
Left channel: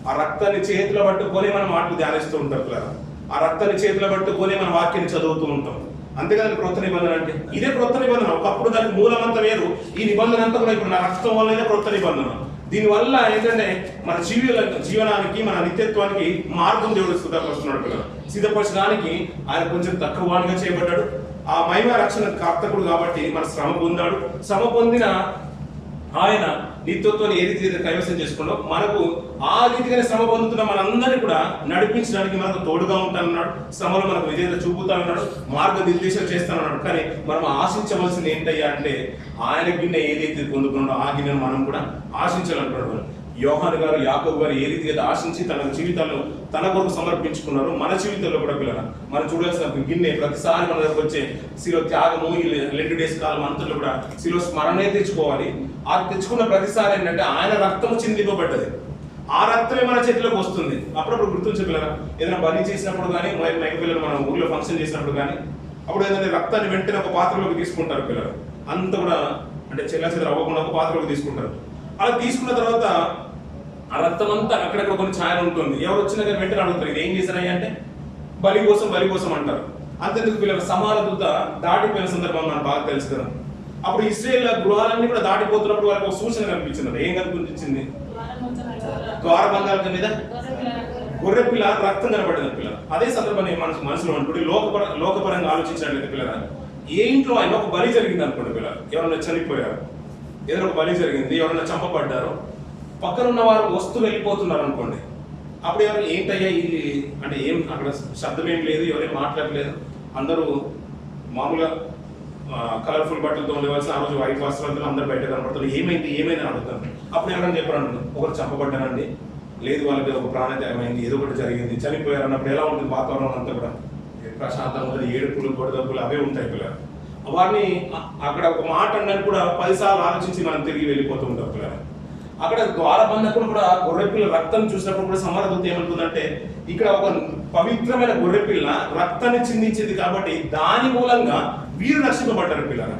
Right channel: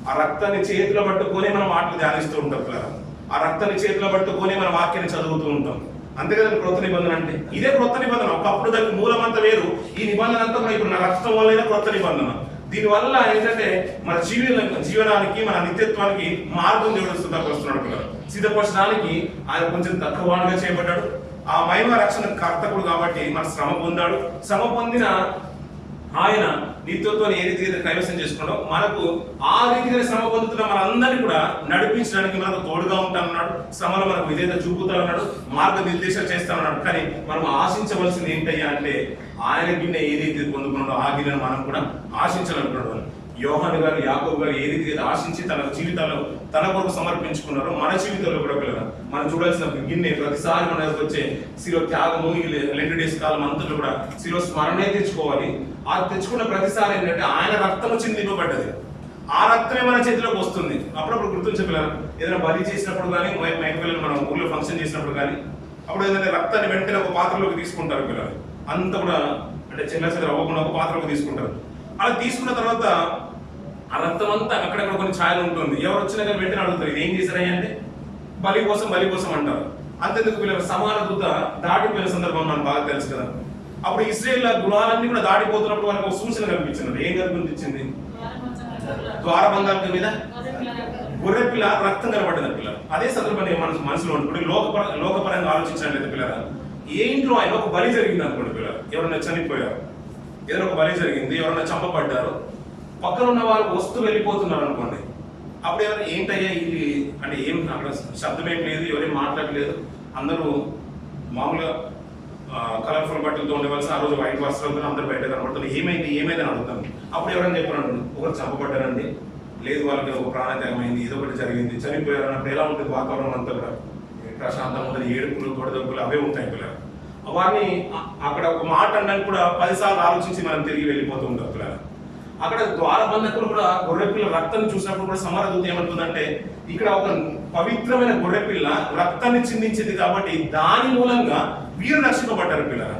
ఆ రక్తాన్ని చేతిలో పట్టుకొని మనం మాటలు ధ్యానిస్తూ ఉంటాం పిల్లలు. ఆ రక్తాన్ని చేతిలో పట్టుకొని మన వాక్యాన్ని చదువుతూ ఉంటాం. అంతేకాదు క్రొత్త నిబంధన అంటే ఇదే క్రొత్త నిబంధన. ఒకప్పుడు దానికి మూలం అంతా వేరు, ఈ నిబంధన అంతా కూడా ఇప్పుడు నా రక్తం వల్లనే క్రొత్త నిబంధన. దీనివల్ల ఏంటంటే మన జీవనానికి మన నిత్యత్వానికి మార్గం దేవుడు సిద్ధపరుస్తున్నాడు పిల్లలు. సిద్ధపరచడానికి ఆయన కొంచెం తక్కువ వాడుగా చేయబడ్డాడు. ఆ మహిమ రక్షణ కర్తకుడు కాబట్టి మన శ్రమ పొందాడు. శ్రమ పొందిన ఆయన నిత్యత్వాన్ని ఏ రీతిగా కైవసం చేసుకున్నాడో మనకు ఆ రీతిగానే శ్రమ పొందుతున్న మనందరినీ కూడా నడిపించడానికి మనకు తోడుగా ఉంటానన్నాడు. శ్రమలో మనకు విధేయత చూపుతానన్నాడు, మార్గనిర్దేశం చేస్తానన్నాడు. కానీ మనం ఆశించవలసింది ఏంటయ్యా అంటే ఆయన గిన్నె ఏదైతే పొందుకున్నాడో ఆ గిన్నెను మనం కూడా ఆశించాలనుకున్నాడు. యోహాను గారు, యాకోబు గారు ఏ రీతిగా ఆశించి తన జీవితాల్లో తన కొరకు సమర్పించుకున్నారో మన జీవితంలో కూడా పిల్లలు మనం చూడాల్సిన గిన్నె ప్రతిసారి మన దగ్గరకు వచ్చే శిలువ త్యాగము ఈ 2 డేస్ కాలం అంతలో కూడా శిలువ స్మరణే తెచ్చుకోవాలి. ఆ తెచ్చుకున్న ప్రతిసారి ఏంటంటే ఆయన రక్తము చిందింపబడ్డది. ఆ రక్తమే మన చేతిలోకి వస్తుంది. అప్పుడప్పుడు గుర్తుంచే పిల్లలు ఏదైనా బలి చేసినప్పుడు కానీ మైక పిల్లలు మనం ఊళ్ళో ఫంక్షన్ చేసినప్పుడు కానీ అప్పుడు ఏదైనా రక్తాన్ని వెంటనే ఒక పాత్రలోకి తీసుకుంటారు పిల్లలు. అంత కూడా అంటే చెల్లెలు అవ్వకుండా ఒక పాత్రలోకి తీసుకుంటారు. అలా తీసుకున్న తర్వాత ఆ రక్తం అంతా అక్కడక్కడ కొన్ని ఛాయలు ఉంటుంది. ఎవరు వచ్చినా కానీ వెంటనే అడుగుతారు ఇది ఏం చేశారని అంటే బలి కోసం అంటారు. అంతెందుకు పిల్లలు సమాన దూత దాటిపోయిన సందర్భం నాకు బాగా తెలుసు కదా. అప్పుడు ఇశ్రాయేల్ గృహాలన్నీ కూడా దాటిపోతున్నప్పుడు వాళ్ళకి ఒక సూచన కనిపించింది. ఏం కనిపించింది? ద్వారబంధాల మీద గొర్రె పిల్ల రక్తం కనబడ్డది పిల్లలు. అదే సందర్భాన్ని మనసులో ఉంటుంది. లోకపరంగా ఆలోచించినట్లయితే పిల్లలు ఏ ఇంట్లో అయినా ఒక బలి జరిగింది అనుకోండి పిల్లలు, ఎవరైనా చనిపోయారు, ఏదైనా ఒక బలి జరిగింది, ఎవరైనా చంపబడ్డారు, పక్కన ఉన్న వారు వస్తూ వెళ్ళిపోతున్నారు అనుకోండి. అప్పుడు ఎవరైనా ఏంటయ్యా ఇది అంటే ఏం అక్కడ శబ్దం ఏం లేదు, ఎవరేం మాట్లాడలేదు, అందరూ మామూలుగా కలర్ఫుల్ బట్టలతో ఉండవలసిన ఆ రోజు వైట్ వస్త్రాలతో అందరూ బయట కనబడతారు. ఏమైందని అడుగుతాను. అప్పుడు ఎవరైనా చెప్పారండి ఒకరు చంపబడ్డారండి, లేదు వాళ్ళకి ఒక ప్రాణత్యాగం అయింది, ఏదో ఒకటి జరిగింది, చనిపోయారు అన్నప్పుడు ఎలా ఉంటుంది వాతావరణం అంతా కూడా ప్రశాంతంగా ఉంటుంది. ఏడుపులు గొడవలు అవే ఉంటాయి పిల్లలు. వారిని అక్కడ ఒక మాట అన్నది కూడా 10 సార్లు ఆలోచించి మనం తిరిగి వెళ్ళిపోతూ ఉంటాం పిల్లలు. అక్కడ ద్వారబంధకులు కూడా గొర్రెపిల్ల రక్తం చూసినప్పుడు కూడా సమారదూత ఏమంటుందంటే ఇక్కడ ఒక పవిత్రమైన గొర్రెపిల్ల రక్తాన్ని చిందించింది కాబట్టి దాని మూలంగా వీరు రక్షింపబడ్డారు పిల్లల.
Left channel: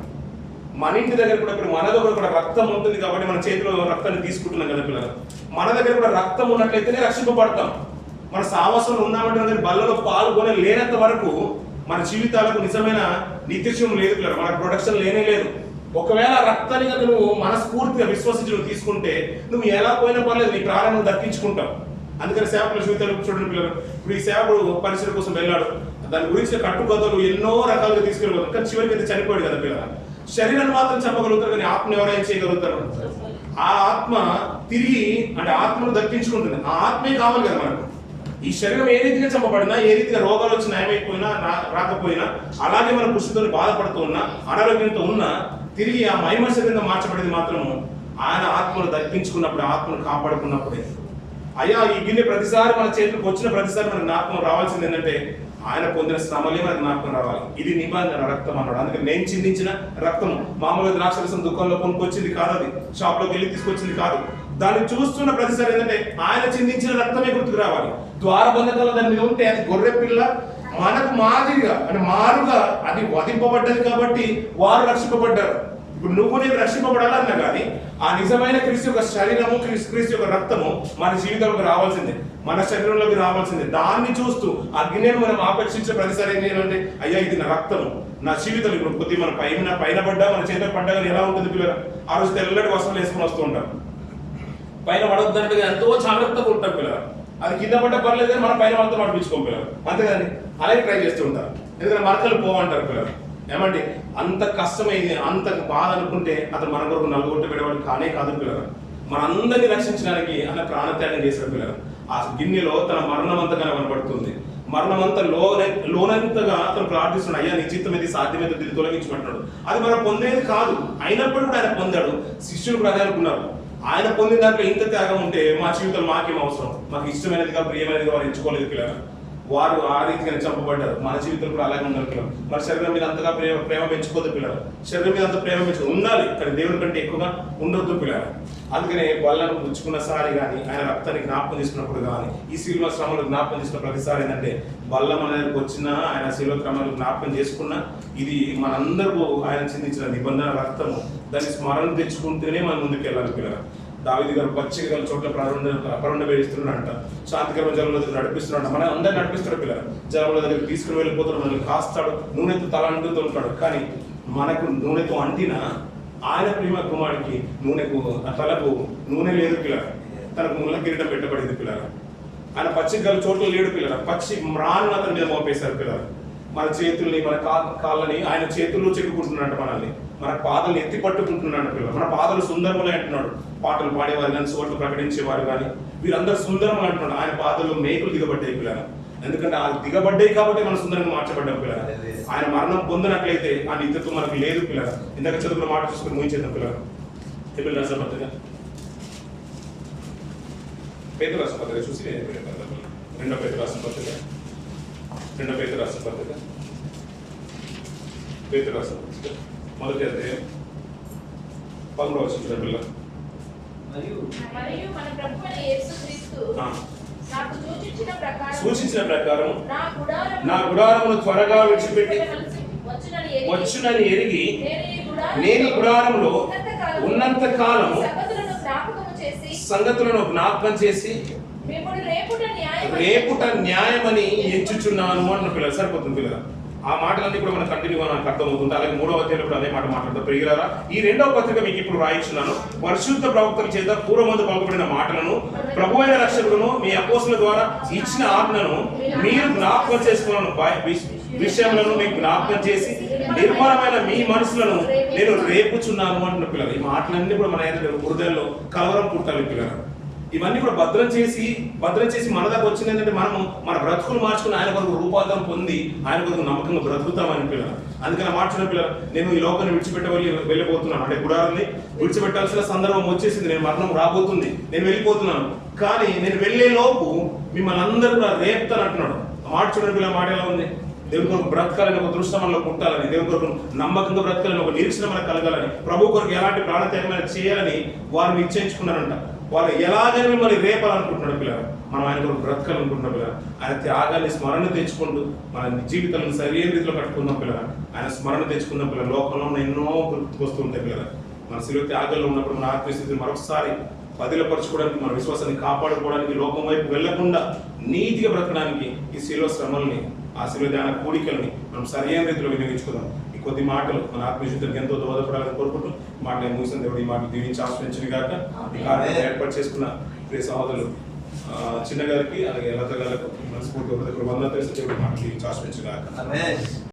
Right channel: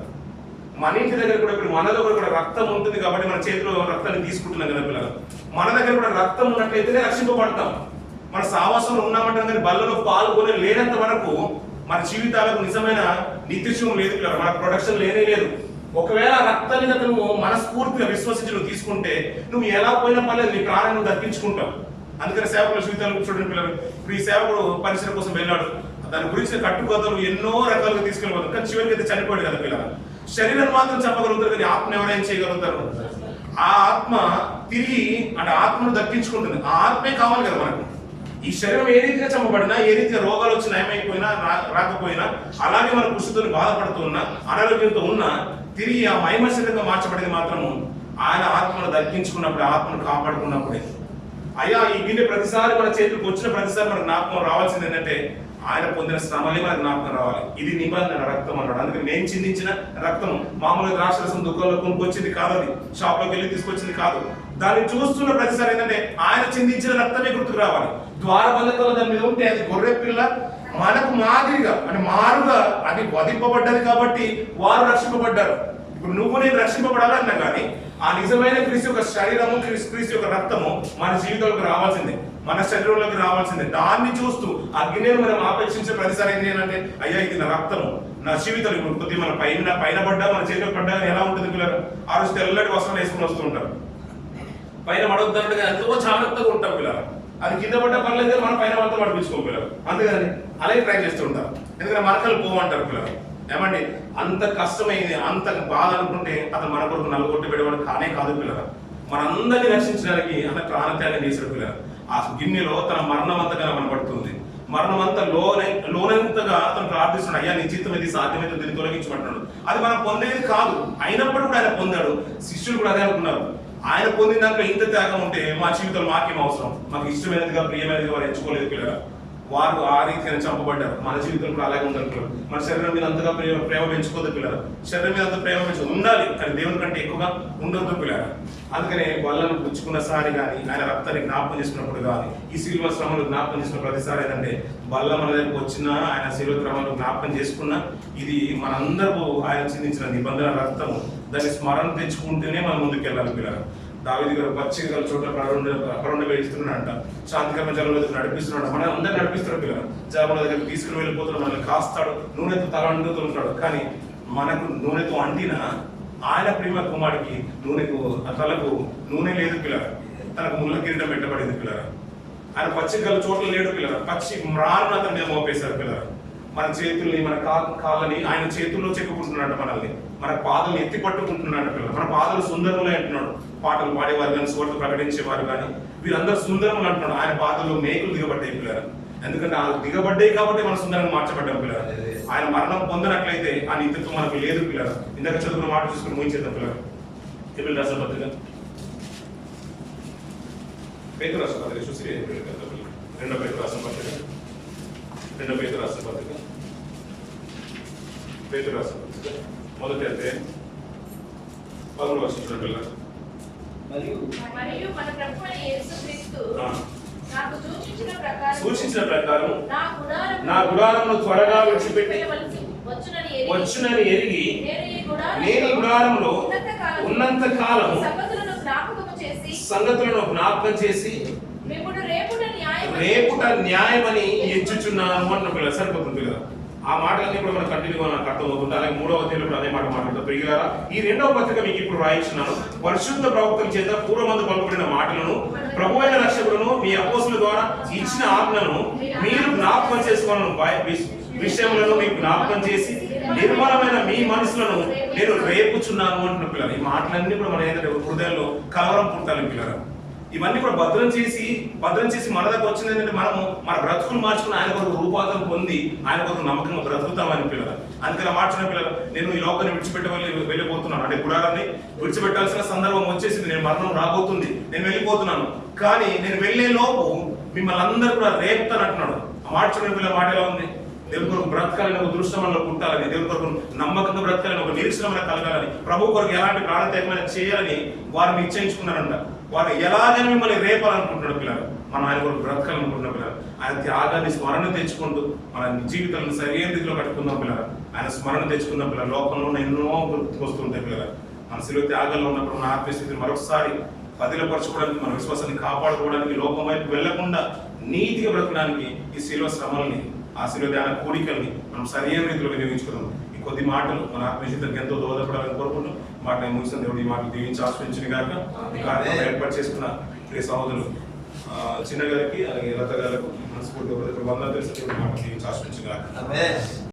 మన ఇంటి దగ్గర కూడా ఇప్పుడు మన దగ్గర కూడా రక్తం ఉంటుంది కాబట్టి మన చేతిలో రక్తాన్ని తీసుకుంటున్నాం కదా పిల్లలు. మన దగ్గర కూడా రక్తం ఉన్నట్లయితేనే రక్షింపబడతాం. మన సావాసంలో ఉన్నామంటాం కానీ బల్లలో పాల్గొనే లేనంత వరకు మన జీవితాలకు నిజమైన నిత్యత్వం లేదు పిల్లలు. మన ప్రొడక్షన్ లేనే లేదు. ఒకవేళ రక్తాన్ని కనుక నువ్వు మనస్ఫూర్తిగా విశ్వసించి నువ్వు తీసుకుంటే నువ్వు ఎలా పోయినా పర్లేదు, నీ ప్రాణాన్ని నువ్వు దక్కించుకుంటావు. అందుకని సేవకుల జీవితాలు చూడండి పిల్లలు. ఇప్పుడు ఈ సేవకుడు పరిచయం కోసం వెళ్ళాడు, దాని గురించి కట్టుకథలు ఎన్నో రకాలుగా తీసుకెళ్ళిపోతారు, కానీ చివరికి అయితే చనిపోయాడు కదా పిల్లలు. శరీరాన్ని మాత్రం చంపగలుగుతారు కానీ ఆత్మను ఎవరైనా చేయగలుగుతారు? ఆ ఆత్మ తిరిగి అంటే ఆత్మను దక్కించుకుంటుంది. ఆ ఆత్మే కావాలి కదా మనకు. ఈ శరీరం ఏ రీతిగా చంపబడినా, ఏ రీతిగా రోగాలు వచ్చి నయమైపోయినా రాకపోయినా, అలాగే మన కృషితో బాధపడుతూ ఉన్నా, అనారోగ్యంతో ఉన్నా, తిరిగి ఆ మహిమ శరీరంగా మార్చబడేది మాత్రము ఆయన ఆత్మను దక్కించుకున్నప్పుడు, ఆత్మను కాపాడుకున్నప్పుడే. అయ్యా ఈ గిన్నె ప్రతిసారి మన చేతికి వచ్చిన ప్రతిసారి మనకు జ్ఞాపకం రావాల్సింది ఏంటంటే ఆయన పొందిన శ్రమలే మనకు జ్ఞాపకం రావాలి. ఇది నిబంధన రక్తం అన్నాడు. అందుకని నేను చిందించిన రక్తం మామూలుగా ద్రాక్షరసం దుకాణంలో కొనుక్కొచ్చింది కాదు, అది షాప్లోకి వెళ్ళి తీసుకొచ్చింది కాదు. దాన్ని చూస్తున్న ప్రతిసారి ఏంటంటే ఆయన చిందించిన రక్తమే గుర్తుకు రావాలి. ద్వారబంధకాలు దాని మీద ఉంటే అది గొర్రె పిల్ల మనకు మాదిరిగా అంటే మారుగా అది వధింపబడ్డది కాబట్టి వారు రక్షింపబడ్డారు. ఇప్పుడు నువ్వు నేను రక్షింపబడాలన్నా కానీ ఆ నిజమైన క్రీస్తు యొక్క శరీరము, క్రీస్తు యొక్క రక్తము మన జీవితంలోకి రావాల్సిందే, మన శరీరంలోకి రావాల్సిందే. దాన్ని చూస్తూ ఆ గిన్నెను మనం ఆపేక్షించే ప్రతిసారి ఏంటంటే అయ్యా ఇది నా రక్తము, నా జీవితం. ఇప్పుడు కొద్దిగా మన పైన పడ్డా మన చేతిలో పడ్డా కానీ ఎలా ఉంటుంది పిల్లలు? ఆ రోజు తెల్లటి వస్త్రాలు వేసుకుని వస్తూ ఉంటారు. పైన పడొద్దన్నట్టుగా ఎంతో జాగ్రత్తగా ఉంటాం పిల్లలు. అది కింద పడ్డ పర్లేదు కానీ మన పైన మనతో పడిపించుకోం పిల్లలు, అంతేగాని అలాగే ట్రై చేస్తూ ఉంటారు. ఎందుకంటే మరకలు పోవంటారు పిల్లలు. ఏమండి అంత కష్టమైంది, అంత బాధ అనుకుంటే అతను మన కొరకు నలుగొట్టి పెట్టేవాడు కానే కాదు పిల్లలు. మనందరినీ రక్షించడానికి అలా ప్రాణత్యాగం చేశాడు పిల్లలు. ఆ గిన్నెలో తన మరణం అంతా కనబడుతుంది. మరణం అంతా లోనంతగా అతను ప్రార్థిస్తున్నాడు, అయ్యా నీ చిత్తం ఇది సాధ్యమైతే దీన్ని తొలగించమంటున్నాడు. అది మనం పొందేది కాదు, అయినప్పుడు కూడా ఆయన పొందాడు. శిష్యులు కూడా అదే అనుకున్నారు, ఆయన పొందిన దాంట్లో ఇంత త్యాగం ఉంటే మా జీవితంలో మాకేం అవసరం, మాకు ఇష్టమైనదిగా ప్రియమైనదిగా వారు ఎంచుకోలేదు పిల్లలు. వారు ఆ రీతిగానే చంపబడ్డారు. మన జీవితంలో కూడా అలాగే ఉండాలి పిల్లలు. మన శరీరం మీద అంతగా ప్రేమ పెంచుకోవద్దు పిల్లలు. శరీరం మీద అంత ప్రేమ పెంచుకో ఉండాలి, కానీ దేవుని కంటే ఎక్కువగా ఉండొద్దు పిల్లలు. అందుకనే బల్లను పుచ్చుకున్నసారి కానీ, ఆయన రక్తాన్ని జ్ఞాపకం చేసుకున్నప్పుడు కానీ, ఈ శిలువ శ్రమలు జ్ఞాపకం చేసుకున్న ప్రతిసారి ఏంటంటే బల్ల మన దగ్గరికి వచ్చినా, ఆయన శిలువ శ్రమలు జ్ఞాపకం చేసుకున్నా, ఇది మనందరూ ఆయన చిందించిన నిబంధన రక్తము, దాన్ని స్మరణ తెచ్చుకుంటూనే మనం ముందుకు వెళ్ళాలి పిల్లలు. దావీదు గారు పచ్చిక గల చోట్ల అపరుండ వేయిస్తున్నాడంట, శాంతికరమైన జలం దగ్గర నడిపిస్తున్నాడు, మన అందరిని నడిపిస్తాడు పిల్లలు. జలముల దగ్గర తీసుకుని వెళ్ళిపోతున్నాడు, మనల్ని కాస్తాడు, నూనెతో తల అంటుతూ ఉంటాడు. కానీ మనకు నూనెతో అంటిన ఆయన ప్రేమ కుమారుడికి తలకు నూనె లేదు పిల్లలు, తనకు ముళ్ళ కిరీటం పెట్టబడింది పిల్లలు. ఆయన పచ్చిక గల చోట్ల లేడు పిల్లలు, పచ్చి మ్రాను అతని మీద మోపేశారు పిల్లలు. మన చేతుల్ని, మన కాళ్ళని ఆయన చేతుల్లో చెక్కుకుంటున్నాడు, మనల్ని మన పాదలు ఎత్తి పట్టుకుంటున్నాడు పిల్లలు. మన పాదలు సుందరములే అంటున్నాడు. పాటలు పాడేవారు కానీ, సువార్త ప్రకటించేవారు కానీ, వీరందరూ సుందరములు అంటున్నాడు. ఆయన పాదల్లో మేకులు దిగబడ్డాయి పిల్లలు. ఎందుకంటే ఆ దిగబడ్డాయి కాబట్టి మనం సుందరంగా మార్చబడ్డాం పిల్లలు. ఆయన మరణం పొందినట్లయితే ఆ నిత్యత్వం మనకు లేదు పిల్లలు. ఇందాక చదువుకున్న మాట చూసుకుని ముగించేద్దాం పిల్లలు. హెబ్రీయుల రాసిన పత్రిక, పేతురు రాసిన పత్రిక చూసి రెండో పేతురు రాసిన పత్రిక, పేతురు రాసిన పత్రిక మొదటి అధ్యాయం 13వ వచనం చూడండి పిల్లలు. మరియు మన ప్రభువైన యేసుక్రీస్తు నాకు సూచించిన ప్రకారం నా గుడారమును త్వరగా విడిచిపెట్టి వచ్చునని ఎరిగి నేను ఈ గుడారములో ఉన్నంత కాలం సంగతులను జ్ఞాపకం చేసి రేపుట న్యాయమని ఎంచుచున్నాను అంటున్న పిల్లలు. సరిపోతుంది పిల్లలు. ఆ మాటలన్నీ కూడా మనం కంటిన్యూగా నాకు అర్థమవుతుంది. అలాగే 3వ అధ్యాయంలో కూడా అదే మాట మాట్లాడతాం. ప్రియులారా, ఈ 2వ పత్రిక మీకు ఇప్పుడు రాయించున్నాను. పరిశుద్ధ ప్రవక్తల చేత పూర్వమందు పలుకబడిన మాటలను, ప్రభువైన రక్షకుడును మీ అపోస్తుల ద్వారా ఇచ్చిన ఆజ్ఞను మీరు జ్ఞాపకం చేసుకోవాలను విషయములను మీకు జ్ఞాపకం చేసి నిర్మలమైన మీ మనసులను నేను రేపుచున్నాను అంటున్న పిల్లలు. ఈ మాటలన్నీ కూడా మన ఏంటంటే హృదయంలో కలవరం పుట్టాలి పిల్లలు. ఇవన్నీ కూడా భద్రం చేసి మన దగ్గర వచ్చింది ఏంటంటే మనము మన బ్రతుకులు మార్చుకుని ఆయన కొరకు రూపాంతరం పొంది ఆయన కొరకు నమ్మకంగా బ్రతుకుతామని పిల్లలు. అందుకని మార్చుకున్న పిల్లలు, నేను ఈ లోకాన్ని వెళ్ళిపోతున్నాను, అంటే గుడారాన్ని విడిచిపెట్టాల్సిన సందర్భం వచ్చేసింది, నేను మరణం రాబోతుంది, నేను వెళ్ళిపోతున్నాను. కానీ నేను వెళ్లే లోపు మిమ్మల్ని అందరూ కూడా రేపుతాను అంటున్నాడు. మార్చుకున్న పిల్లల మాట ఎలా ఉంది? దేవుని కొరకు బ్రతకాలని ఒక దృష్టి మనలో పుట్టాలని, దేవుని కొరకు నమ్మకంగా బ్రతకాలని, ఒక నిరీక్షణ మనకు కలగాలని, ప్రభు కొరకు ఎలాంటి ప్రాణత్యాగమైన చేయాలని వారు నిశ్చయించుకున్నారంట. వారు ఎలాగైనా మిమ్మల్ని రేపాలనుకుంటున్నాడు పిల్లలు. మనం ఆయన కొరకు బ్రతకాలనుకుంటున్న పిల్లలు. ఆయన త్యాగాన్ని స్మరణ తెచ్చుకుంటూ మన జీవితాలను సరైన రీతిలో కట్టుకుందాం పిల్లలు. ఆయన స్మరణ తెచ్చుకున్న పిల్లలు లోకంలో ఎన్నో గుర్తుకొస్తుంటాయి పిల్లలు. మన శిలువ త్యాగాల్లో ఉన్నప్పుడు మన ఆత్మీయస్థితిని మరొకసారి పదిలపరచుకోవడానికి, మన విశ్వాసాన్ని కాపాడుకోవడానికి, లోకం వైపు వెళ్లకుండా నీతిగా బ్రతకడానికి ఈ శిలువ శ్రమల్ని, ఆ శిలువ ధ్యాన కోరికల్ని మనం సరైన రీతిలో వినియోగించుకుందాం. ఈ కొద్ది మాటలు మన ఆత్మీయతకు ఎంతో దోహదపడాలని కోరుకుంటూ మాటలు ముగిసిన దేవుడు ఈ మాటలు దీవించి ఆశ్రయించిన గాక. ఈ కార్యక్రమం ఏర్పాటు చేసుకున్న ప్రియ సహోదరులు చిన్న గారికి, అలాగే లత గారికి మనస్ఫూర్తిగా వందలు తెలిసి దేవుడు మాటలు దీవించి ఆశ్రయించిన గాక.